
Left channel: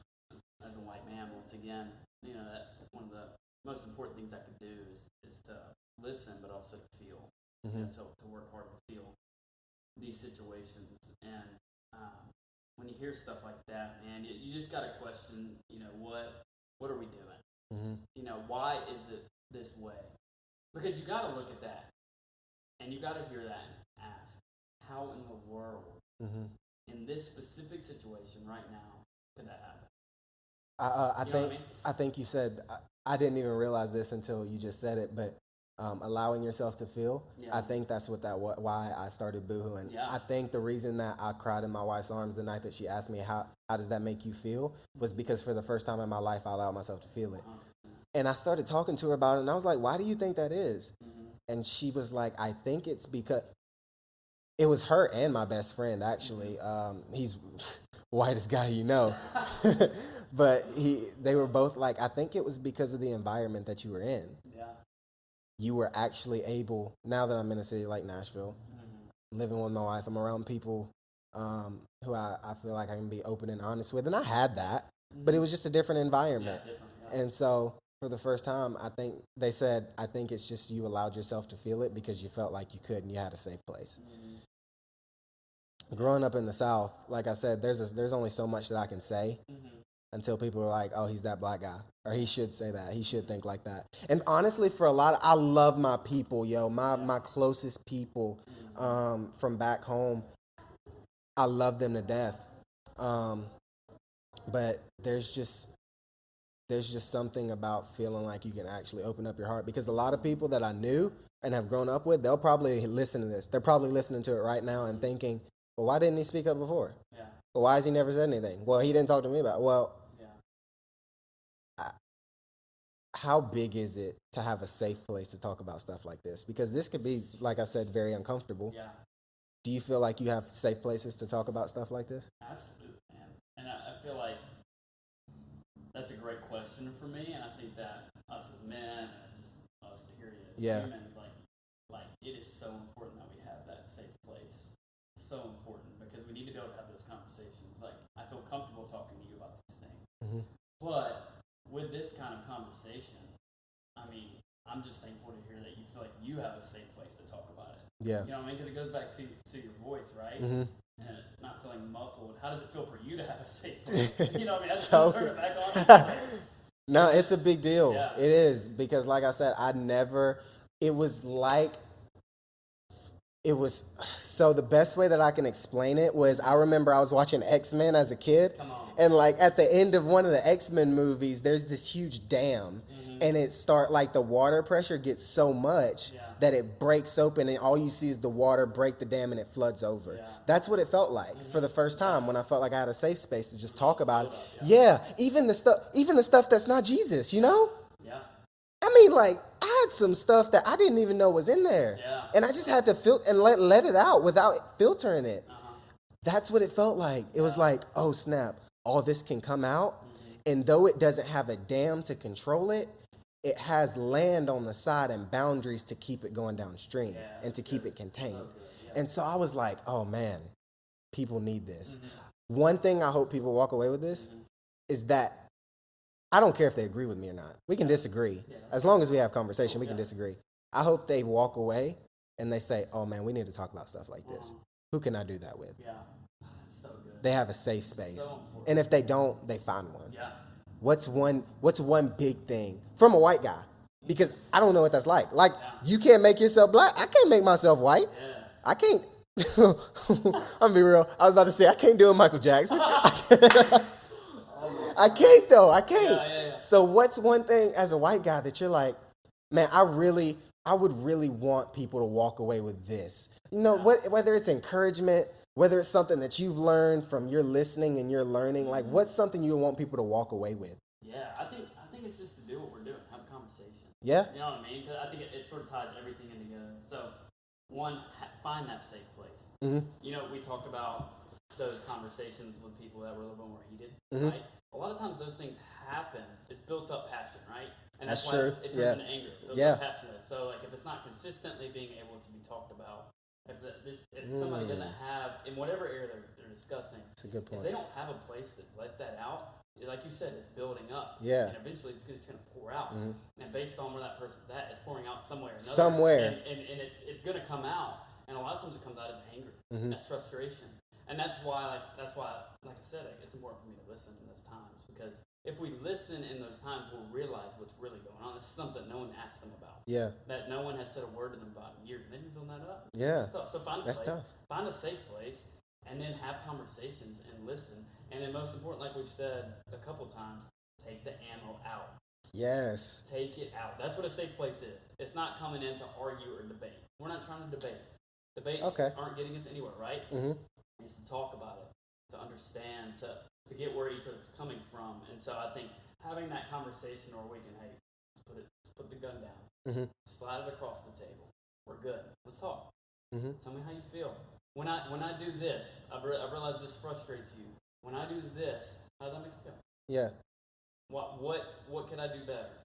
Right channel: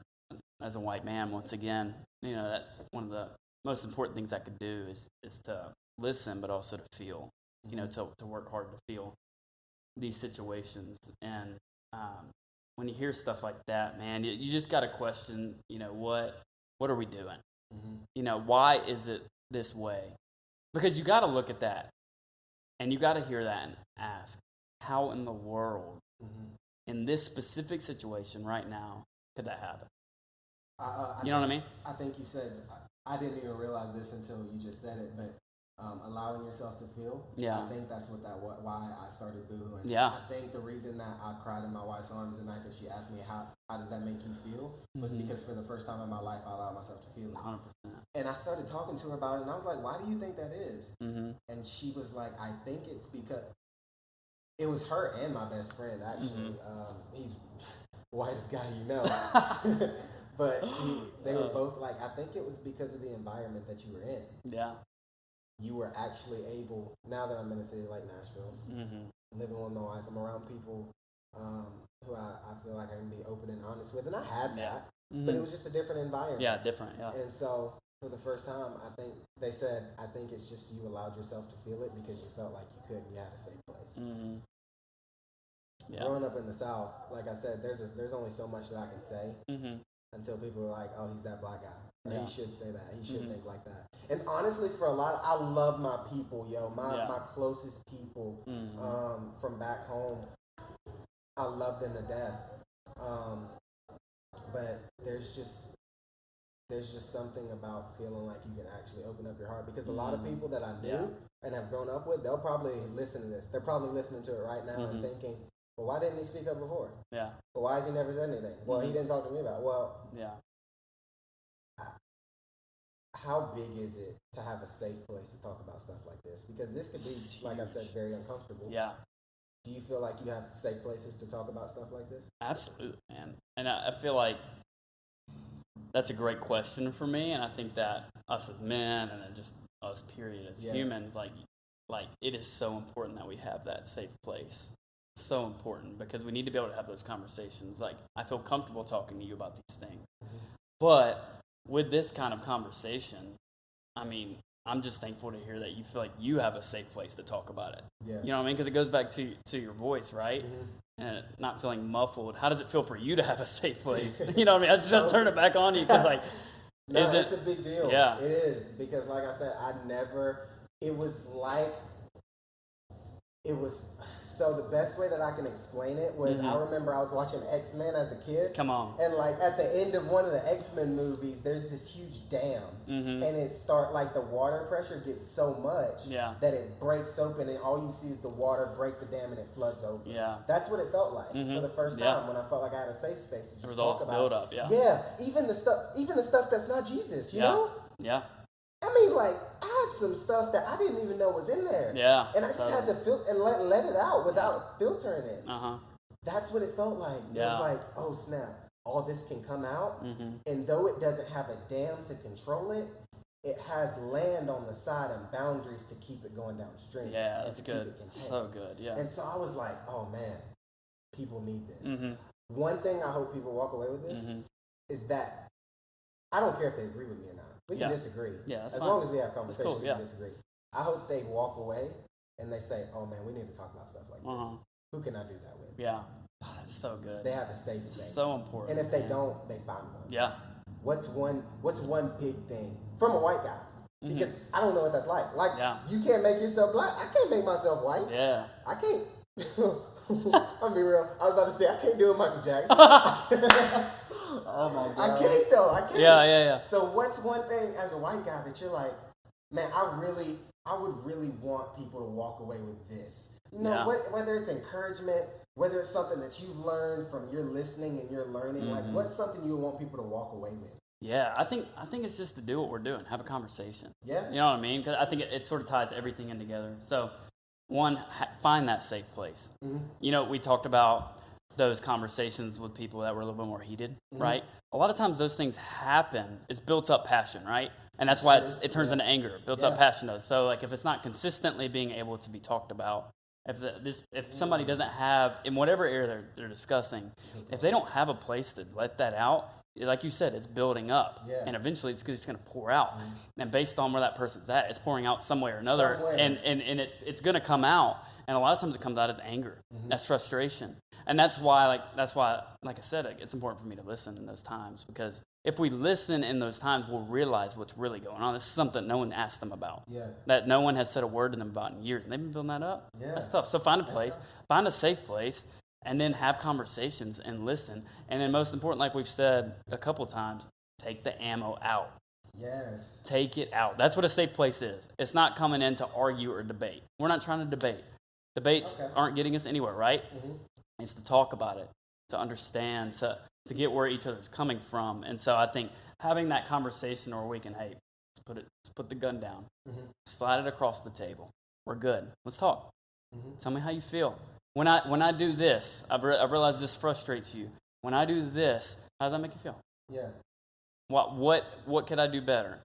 as a white man. Once again, you know, that's one of the most important things I could do is to listen, but also to feel. You know, to work hard to feel these situations. And when you hear stuff like that, man, you just got to question. You know, what are we doing? You know, why is it this way? Because you got to look at that, and you got to hear that and ask, how in the world, in this specific situation right now, could that happen? You know what I mean? I think you said, I didn't even realize this until you just said it, but allowing yourself to feel. Yeah. I think that's why I started boohooing. Yeah. I think the reason that I cried in my wife's arms the night that she asked me how does that make you feel was because for the first time in my life I allowed myself to feel it. 100%. And I started talking to her about it, and I was like, why do you think that is? And she was like, I think it's because it was her and my best friend, actually. He's whitest guy you know. But they were both like, I think it was because of the environment that you were in. Yeah. You were actually able, now that I'm in a city like Nashville, living with my wife, I'm around people who I feel like I can be open and honest with. And I had that, but it was just a different environment. Yeah, different, yeah. And so for the first time, I think they said, I think it's just you allowed yourself to feel it because you felt like you could and you had a safe place. Growing up in the South, like I said, there's only so much that I can say. Until people are like, oh, he's that black guy. Or he should say that. He should think like that. And honestly, for a lot I love my people, my closest people from back home. I love them to death. But there's just something about feeling like you can actually open up your heart. Because a lot of people that I knew and have grown up with, they'll probably listen to this. They're probably listening to it right now and thinking, well, why didn't he speak up before? Yeah. Well, why has he never said anything? Well, he didn't talk to me about it. Well, how big is it to have a safe place to talk about stuff like this? Because this could be, like I said, very uncomfortable. Yeah. Do you feel like you have safe places to talk about stuff like this? Absolutely, man. And I feel like that's a great question for me, and I think that us as men and just us, period, as humans, like it is so important that we have that safe place. So important because we need to be able to have those conversations. Like, I feel comfortable talking to you about these things. But with this kind of conversation, I mean, I'm just thankful to hear that you feel like you have a safe place to talk about it. Yeah. You know what I mean? Because it goes back to your voice, right? Mm-hmm. And not feeling muffled. How does it feel for you to have a safe place? You know what I mean? I just So- don't turn it back on you. 'Cause like, No, is it- it's a big deal. Yeah. It is, because like I said, it was like, so the best way that I can explain it was, I remember I was watching X-Men as a kid. Come on. And like at the end of one of the X-Men movies, there's this huge dam, and the water pressure gets so much Yeah. that it breaks open, and all you see is the water break the dam and it floods over. Yeah. That's what it felt like for the first time, Yeah. when I felt like I had a safe space to just There was all talk this about it. buildup, Yeah, even the stuff that's not Jesus, you know? Yeah. I mean, like, I had some stuff that I didn't even know was in there. Yeah. And I just had to let it out without filtering it. Uh-huh. That's what it felt like. It was Yeah. like, oh, snap, all this can come out. And though it doesn't have a dam to control it, it has land on the side and boundaries to keep it going downstream Yeah. and that's to keep good. it contained. So good. Yeah. And so I was like, oh, man, people need this. Mhm. One thing I hope people walk away with this is that I don't care if they agree with me or not. We can Yeah. disagree. Yeah, that's as fine. long as we have conversation, cool, we can yeah. disagree. I hope they walk away and they say, oh man, we need to talk about stuff like this. Uh-huh. Who can I do that with? Yeah. Oh, that's so good. They have a safe space. So important. And if they don't, they find one. Yeah. What's one big thing from a white guy? Because I don't know what that's like. Like, Yeah. you can't make yourself black. I can't make myself white. Yeah. I can't. I'm gonna be real. I was about to say I can't do a Michael Jackson. Oh my I can't though. I can't. Yeah. So what's one thing as a white guy that you're like, man, I would really want people to walk away with this. You know, Yeah. whether it's encouragement, whether it's something that you've learned from your listening and your learning, like what's something you would want people to walk away with? Yeah, I think it's just to do what we're doing, have a conversation. Yeah. You know what I mean? 'Cause I think it sort of ties everything in together. So, one, find that safe place. You know, we talked about those conversations with people that were a little bit more heated, right? A lot of times those things happen. It's built up passion, right? And that's why Sure. it turns Yeah. into anger. Built Yeah. up passion does. So, like, if it's not consistently being able to be talked about, if somebody doesn't have, in whatever area they're discussing, a good point. if they don't have a place to let that out, like you said, it's building up. Yeah. And eventually it's going to pour out. And based on where that person's at, it's pouring out somewhere or another. Somewhere. And it's going to come out. And a lot of times it comes out as anger. That's frustration. And that's why, like I said, it's important for me to listen in those times, because if we listen in those times, we'll realize what's really going on. This is something no one asked them about. Yeah. That no one has said a word to them about in years. And they've been building that up. Yeah. That's tough. So find a That's place, tough. find a safe place, and then have conversations and listen. And then most important, like we've said a couple times, take the ammo out. Yes. Take it out. That's what a safe place is. It's not coming in to argue or debate. We're not trying to debate. Debates Okay. aren't getting us anywhere, right? It's to talk about it, to understand, to get where each other's coming from. And so I think having that conversation where we can, hey, let's put the gun down, slide it across the table. We're good. Let's talk. Tell me how you feel. When I do this, I've realized this frustrates you. When I do this, how does that make you feel? Yeah. What could I do better?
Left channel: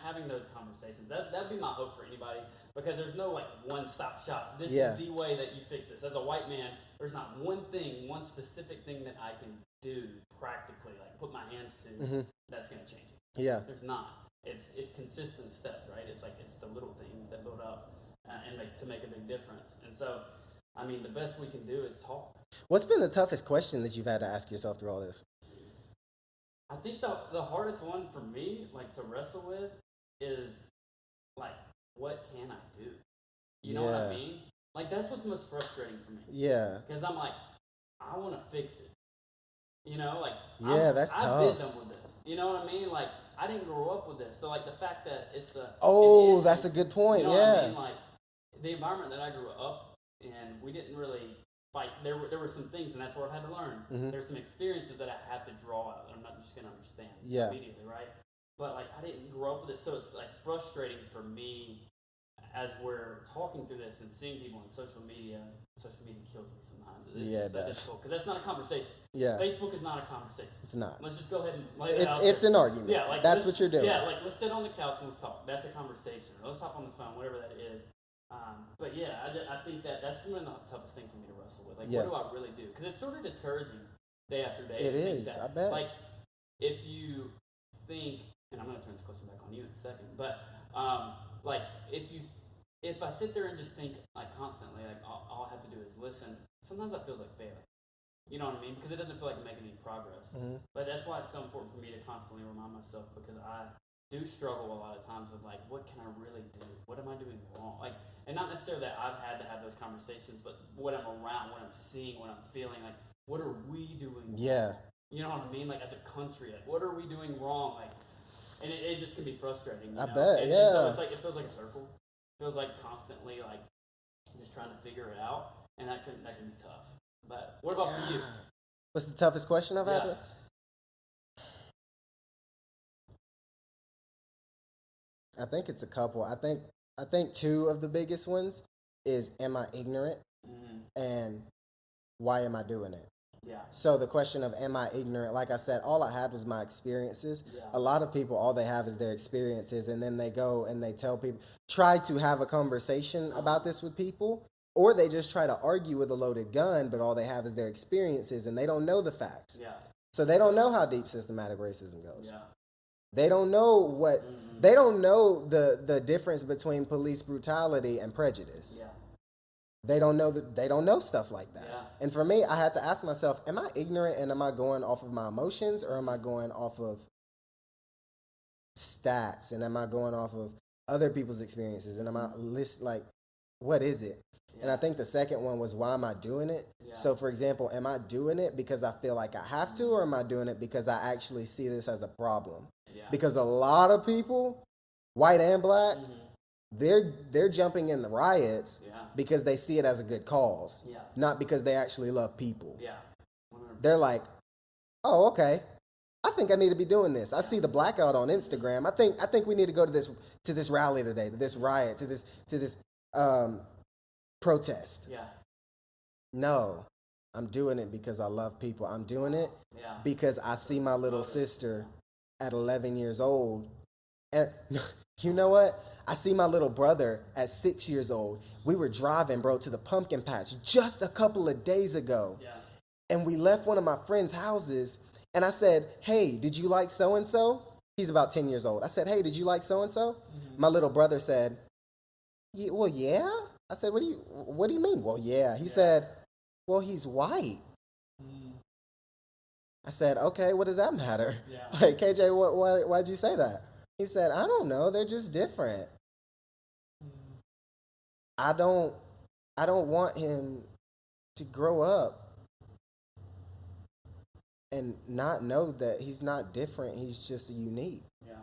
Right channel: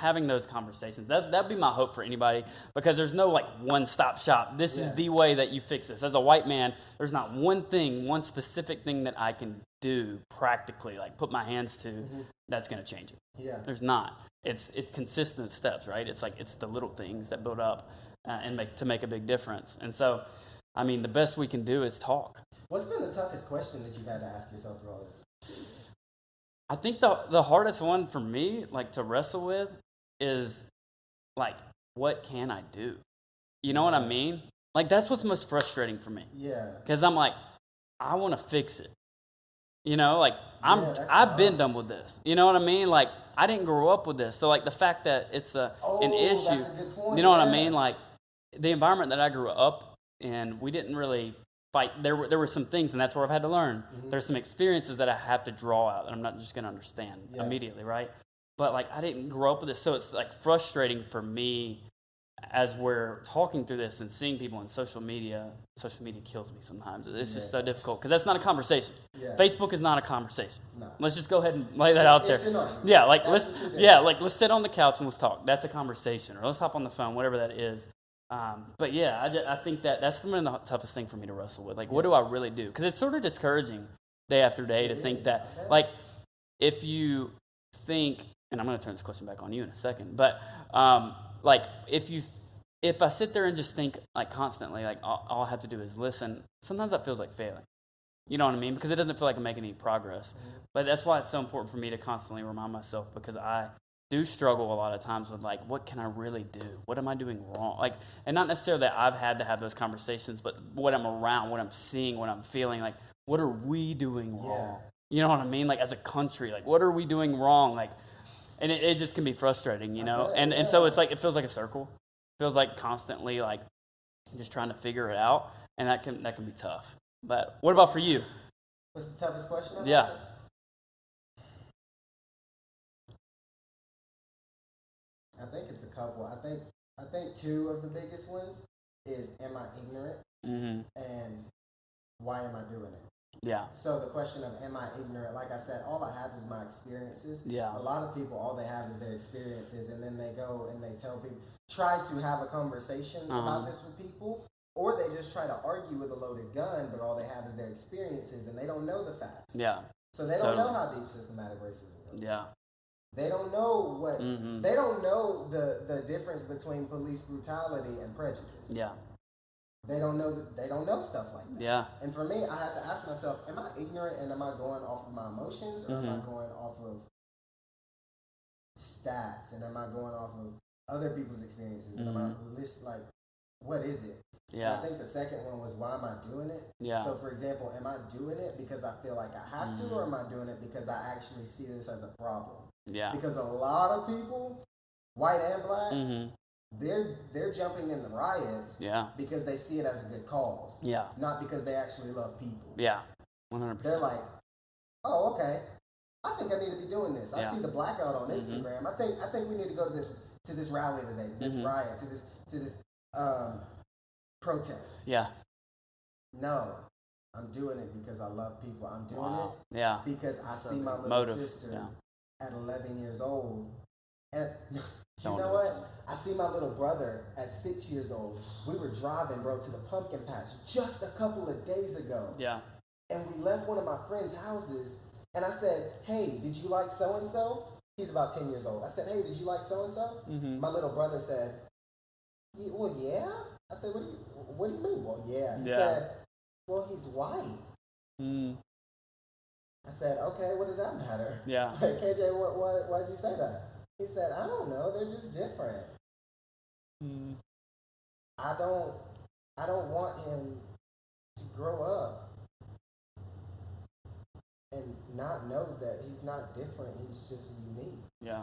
Having those conversations. That'd be my hope for anybody, because there's no like one-stop shop. This is the way that you fix this. As a white man, there's not one specific thing that I can do practically, like put my hands to, that's going to change it. Yeah. There's not. It's consistent steps, right? It's the little things that build up and make a big difference. And so, I mean, the best we can do is talk. What's been the toughest question that you've had to ask yourself through all this? I think the hardest one for me, like to wrestle with, is like, what can I do? You know what I Yeah. mean? Like, that's what's most frustrating for me. Yeah. Because I'm like, I want to fix it. You know, like that's I've been tough. done with this. You know what I mean? Like, I didn't grow up with this. So like the fact that it's an Oh, issue, that's a good point. you know what I Yeah. mean? Like the environment that I grew up in, we didn't really fight. There were some things, and that's where I've had to learn. There's some experiences that I have to draw out that I'm not just going to understand immediately, right? But like I didn't grow up with this, so it's like frustrating for me as we're talking through this and seeing people on social media. Social media kills me sometimes. It's Yeah, just it so does. difficult because that's not a conversation. Yeah. Facebook is not a conversation. It's not. Let's just go ahead and lay that out there. It's an argument. Yeah, like That's let's what you're doing. yeah, like let's sit on the couch and let's talk. That's a conversation, or let's hop on the phone, whatever that is. But yeah, I think that's been the toughest thing for me to wrestle with. Like, what do I really do? Because it's sort of discouraging day after day to think is, that, I bet. like, if you think, and I'm going to turn this question back on you in a second, but like if I sit there and just think like constantly, like all I have to do is listen, sometimes that feels like failing. You know what I mean? Because it doesn't feel like I'm making any progress. Mm-hmm. But that's why it's so important for me to constantly remind myself, because I do struggle a lot of times with like, what can I really do? What am I doing wrong? Like, and not necessarily that I've had to have those conversations, but what I'm around, what I'm seeing, what I'm feeling, like, what are we doing wrong? You know what I mean? Like, as a country, like, what are we doing wrong? Like, and it just can be frustrating, you know? Bet, and so it's like, it feels like a circle. It feels like constantly like just trying to figure it out, and that can be tough. But what about for you? What's the toughest question I've Yeah. had? I think it's a couple. I think two of the biggest ones is, am I ignorant? Mm-hmm. And why am I doing it? Yeah. So the question of, am I ignorant? Like I said, all I had was my experiences. Yeah. A lot of people, all they have is their experiences, and then they go and they tell people, try to have a conversation about this with people, or they just try to argue with a loaded gun, but all they have is their experiences, and they don't know the facts. Yeah. So they don't know how deep systematic racism goes. Yeah. They don't know what they don't know the difference between police brutality and prejudice. Yeah. They don't know stuff like that. Yeah. And for me, I had to ask myself, am I ignorant and am I going off of my emotions, or am I going off of stats, and am I going off of other people's experiences, and am I like, what is it? Yeah. And I think the second one was, why am I doing it? Yeah. So for example, am I doing it because I feel like I have to, or am I doing it because I actually see this as a problem? Yeah. Because a lot of people, white and black, they're jumping in the riots because they see it as a good cause. Yeah. Not because they actually love people. Yeah. 100%. They're like, oh, okay, I think I need to be doing this. I see the blackout on Instagram. I think we need to go to this rally today, to this riot, to this protest. Yeah. No, I'm doing it because I love people. I'm doing it because I see my little sister at 11 years old. And you know what? I see my little brother at 6 years old. We were driving, bro, to the pumpkin patch just a couple of days ago. Yeah. And we left one of my friends' houses, and I said, hey, did you like so-and-so? He's about 10 years old. I said, hey, did you like so-and-so? My little brother said, well, yeah. I said, what do you mean? Well, yeah. He said, well, he's white. I said, okay, what does that matter? Yeah. Like, KJ, why'd you say that? He said, I don't know. They're just different. I don't want him to grow up and not know that he's not different. He's just unique. Yeah.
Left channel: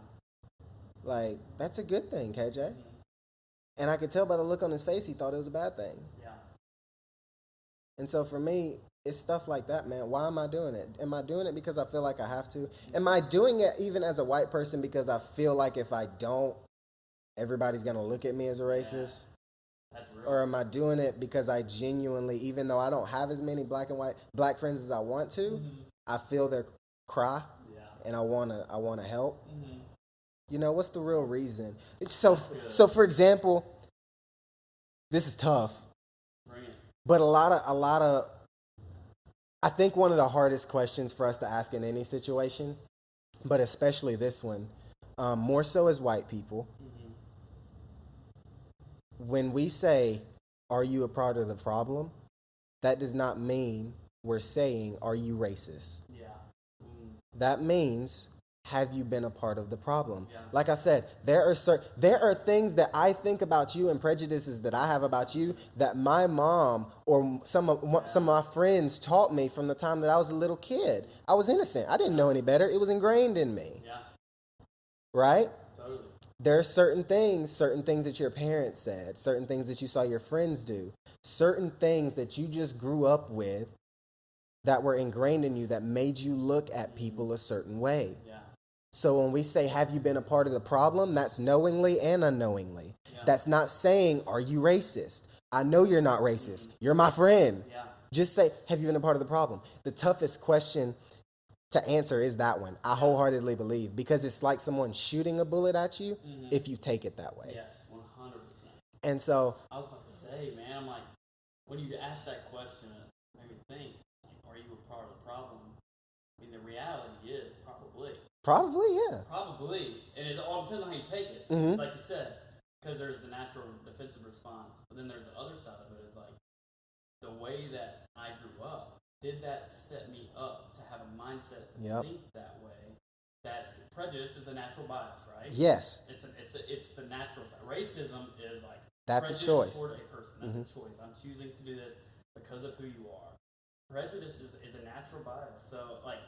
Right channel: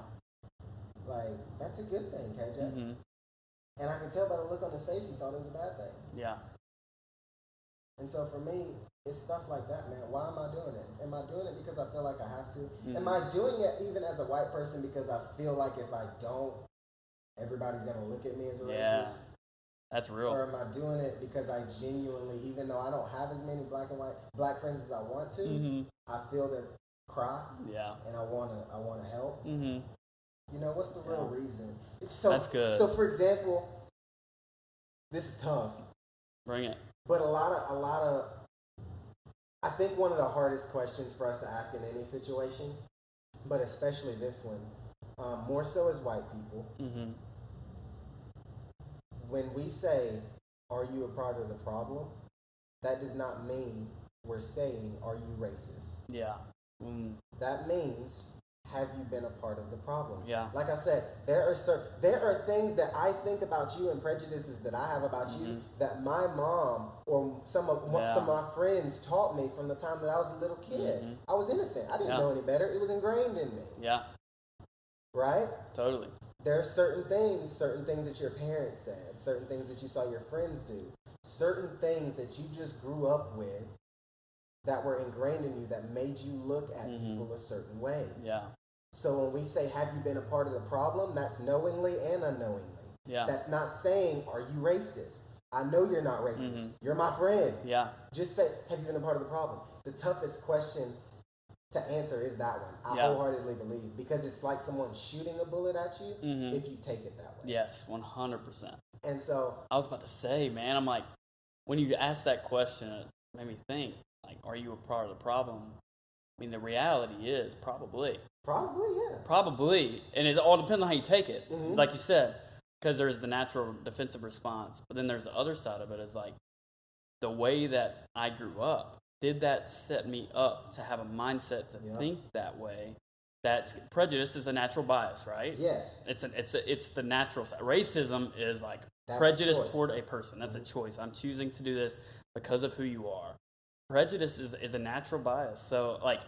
Like, that's a good thing, KJ. And I could tell by the look on his face, he thought it was a bad thing. Yeah. And so for me, it's stuff like that, man. Why am I doing it? Am I doing it because I feel like I have to? Am I doing it even as a white person because I feel like if I don't, everybody's going to look at me as a racist? That's real. Or am I doing it because I genuinely, even though I don't have as many black friends as I want to, I feel their cry, and I wanna help. You know, what's the real reason? That's good. So for example, this is tough. Bring it. But a lot of, I think one of the hardest questions for us to ask in any situation, but especially this one, more so as white people, when we say, are you a part of the problem? That does not mean we're saying, are you racist? Yeah. That means, have you been a part of the problem? Yeah. Like I said, there are things that I think about you and prejudices that I have about you that my mom or some of my friends taught me from the time that I was a little kid. I was innocent. I didn't know any better. It was ingrained in me. Yeah. Right? Totally. There are certain things that your parents said, certain things that you saw your friends do, certain things that you just grew up with that were ingrained in you that made you look at people a certain way. Yeah. So when we say, have you been a part of the problem, that's knowingly and unknowingly. Yeah. That's not saying, are you racist? I know you're not racist. You're my friend. Yeah. Just say, have you been a part of the problem? The toughest question to answer is that one. I wholeheartedly believe, because it's like someone shooting a bullet at you if you take it that way. Yes, 100%. And so I was about to say, man, I'm like, when you asked that question, it made me think, like, are you a part of the problem? I mean, the reality is probably. Probably, yeah. Probably. And it all depends on how you take it. Like you said, because there's the natural defensive response, but then there's the other side of it is like the way that I grew up. Did that set me up to have a mindset to think that way? That's prejudice is a natural bias, right? Yes. It's the natural side. Racism is like That's prejudice a choice. toward a person. That's a choice. I'm choosing to do this because of who you are. Prejudice is a natural bias. So like,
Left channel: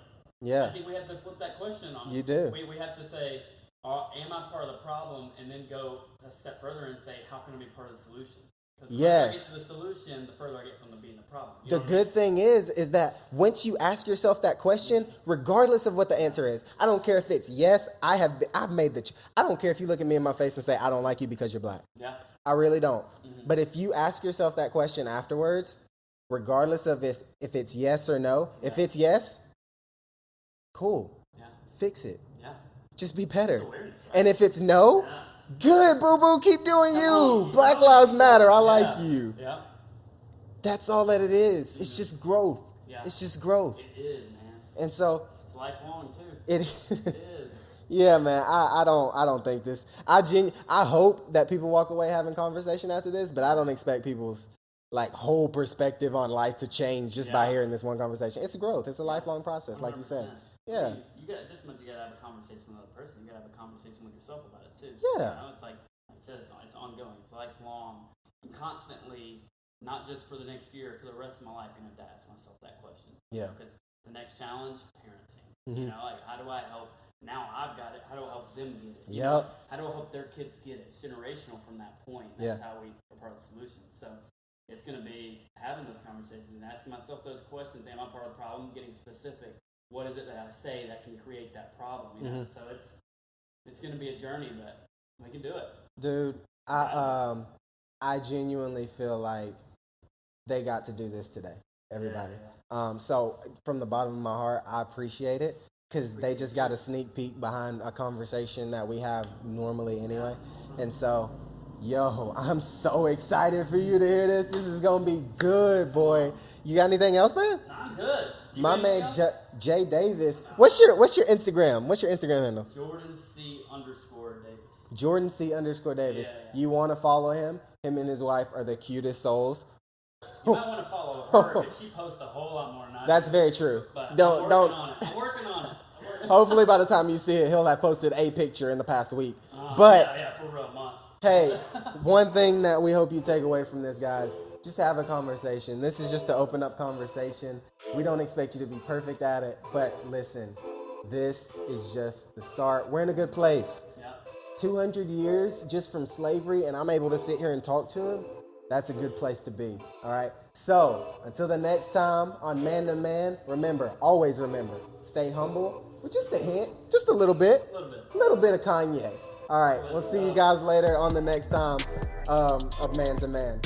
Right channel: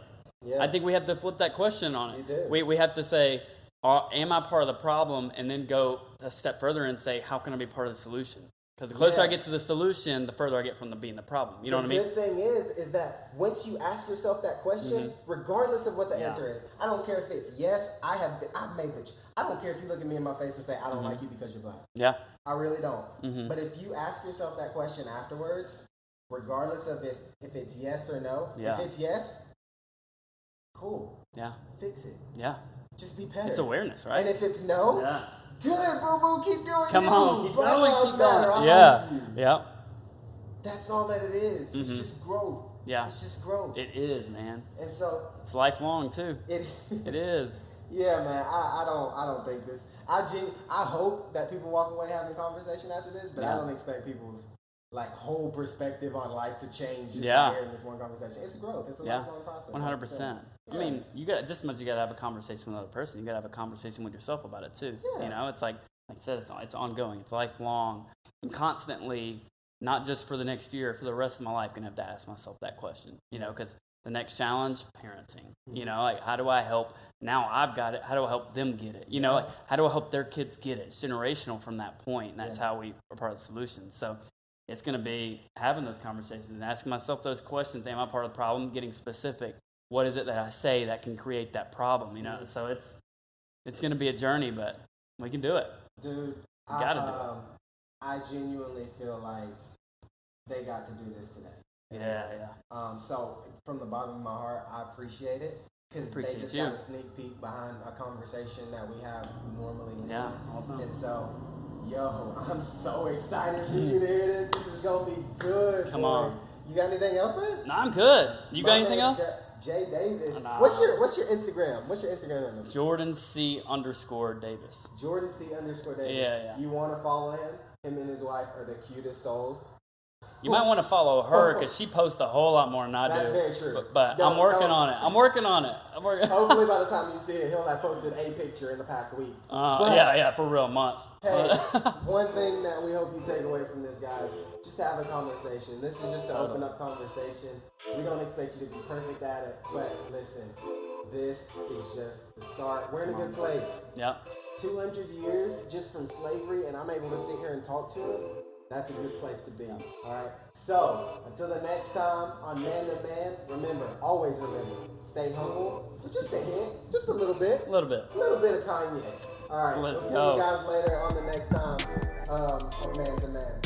I think we have to flip that question on it. You do. We have to say, am I part of the problem? And then go a step further and say, how can I be part of the solution? Because the closer I get to the solution, the further I get from being the problem. You know what I mean? The good thing is that once you ask yourself that question, regardless of what the answer is, I don't care if it's yes, I've made I don't care if you look at me in my face and say, I don't like you because you're black. Yeah. I really don't. But if you ask yourself that question afterwards, regardless of if it's yes or no, if it's yes, cool. Yeah. Fix it. Yeah. Just be better. It's awareness, right? And if it's no, good, boo-boo, keep doing Come you. on. Black Lives Matter, I like you. Yeah. That's all that it is. It's just growth. Yeah. It's just growth. It is, man. And so it's lifelong too. It is. Yeah, man. I don't think this. I hope that people walk away having conversation after this, but I don't expect people's like whole perspective on life to change just by hearing this one conversation. It's a growth. It's a lifelong process. 100%. Yeah. I mean, you got just as much you got to have a conversation with another person. You got to have a conversation with yourself about it too. Yeah. You know, it's like I said, it's ongoing. It's lifelong. I'm constantly, not just for the next year, for the rest of my life, gonna have to ask myself that question. You know, because the next challenge, parenting. You know, like how do I help? Now I've got it. How do I help them get it? You know, like, how do I help their kids get it? It's generational from that point. And that's how we are part of the solution. So it's going to be having those conversations and asking myself those questions. Am I part of the problem? Getting specific. What is it that I say that can create that problem? You know, so it's going to be a journey, but we can do it. Dude, I genuinely feel like they got to do this today. Everybody. So from the bottom of my heart, I appreciate it because they just got a sneak peek behind a conversation that we have normally anyway. And so, yo, I'm so excited for you to hear this. This is gonna be good, boy. You got anything else, man? No, I'm good. You got anything else? Jay Davis. What's your Instagram? What's your Instagram handle? Jordan C_Davis. Jordan C_Davis. Yeah. You want to follow him? Him and his wife are the cutest souls. You might want to follow her because she posts a whole lot more than I do. That's very true. But I'm working on it. I'm working on it. Hopefully by the time you see it, he'll have posted a picture in the past week. For real, month. Hey, one thing that we hope you take away from this, guys, just have a conversation. This is just to open up conversation. We don't expect you to be perfect at it, but listen, this is just the start. We're in a good place. Yep. 200 years just from slavery, and I'm able to sit here and talk to him. That's a good place to be, all right? So, until the next time on Man to Man, always remember, stay humble with just a hint, just a little bit. A little bit of Kanye. All right, we'll see you guys later on the next time of Man to Man.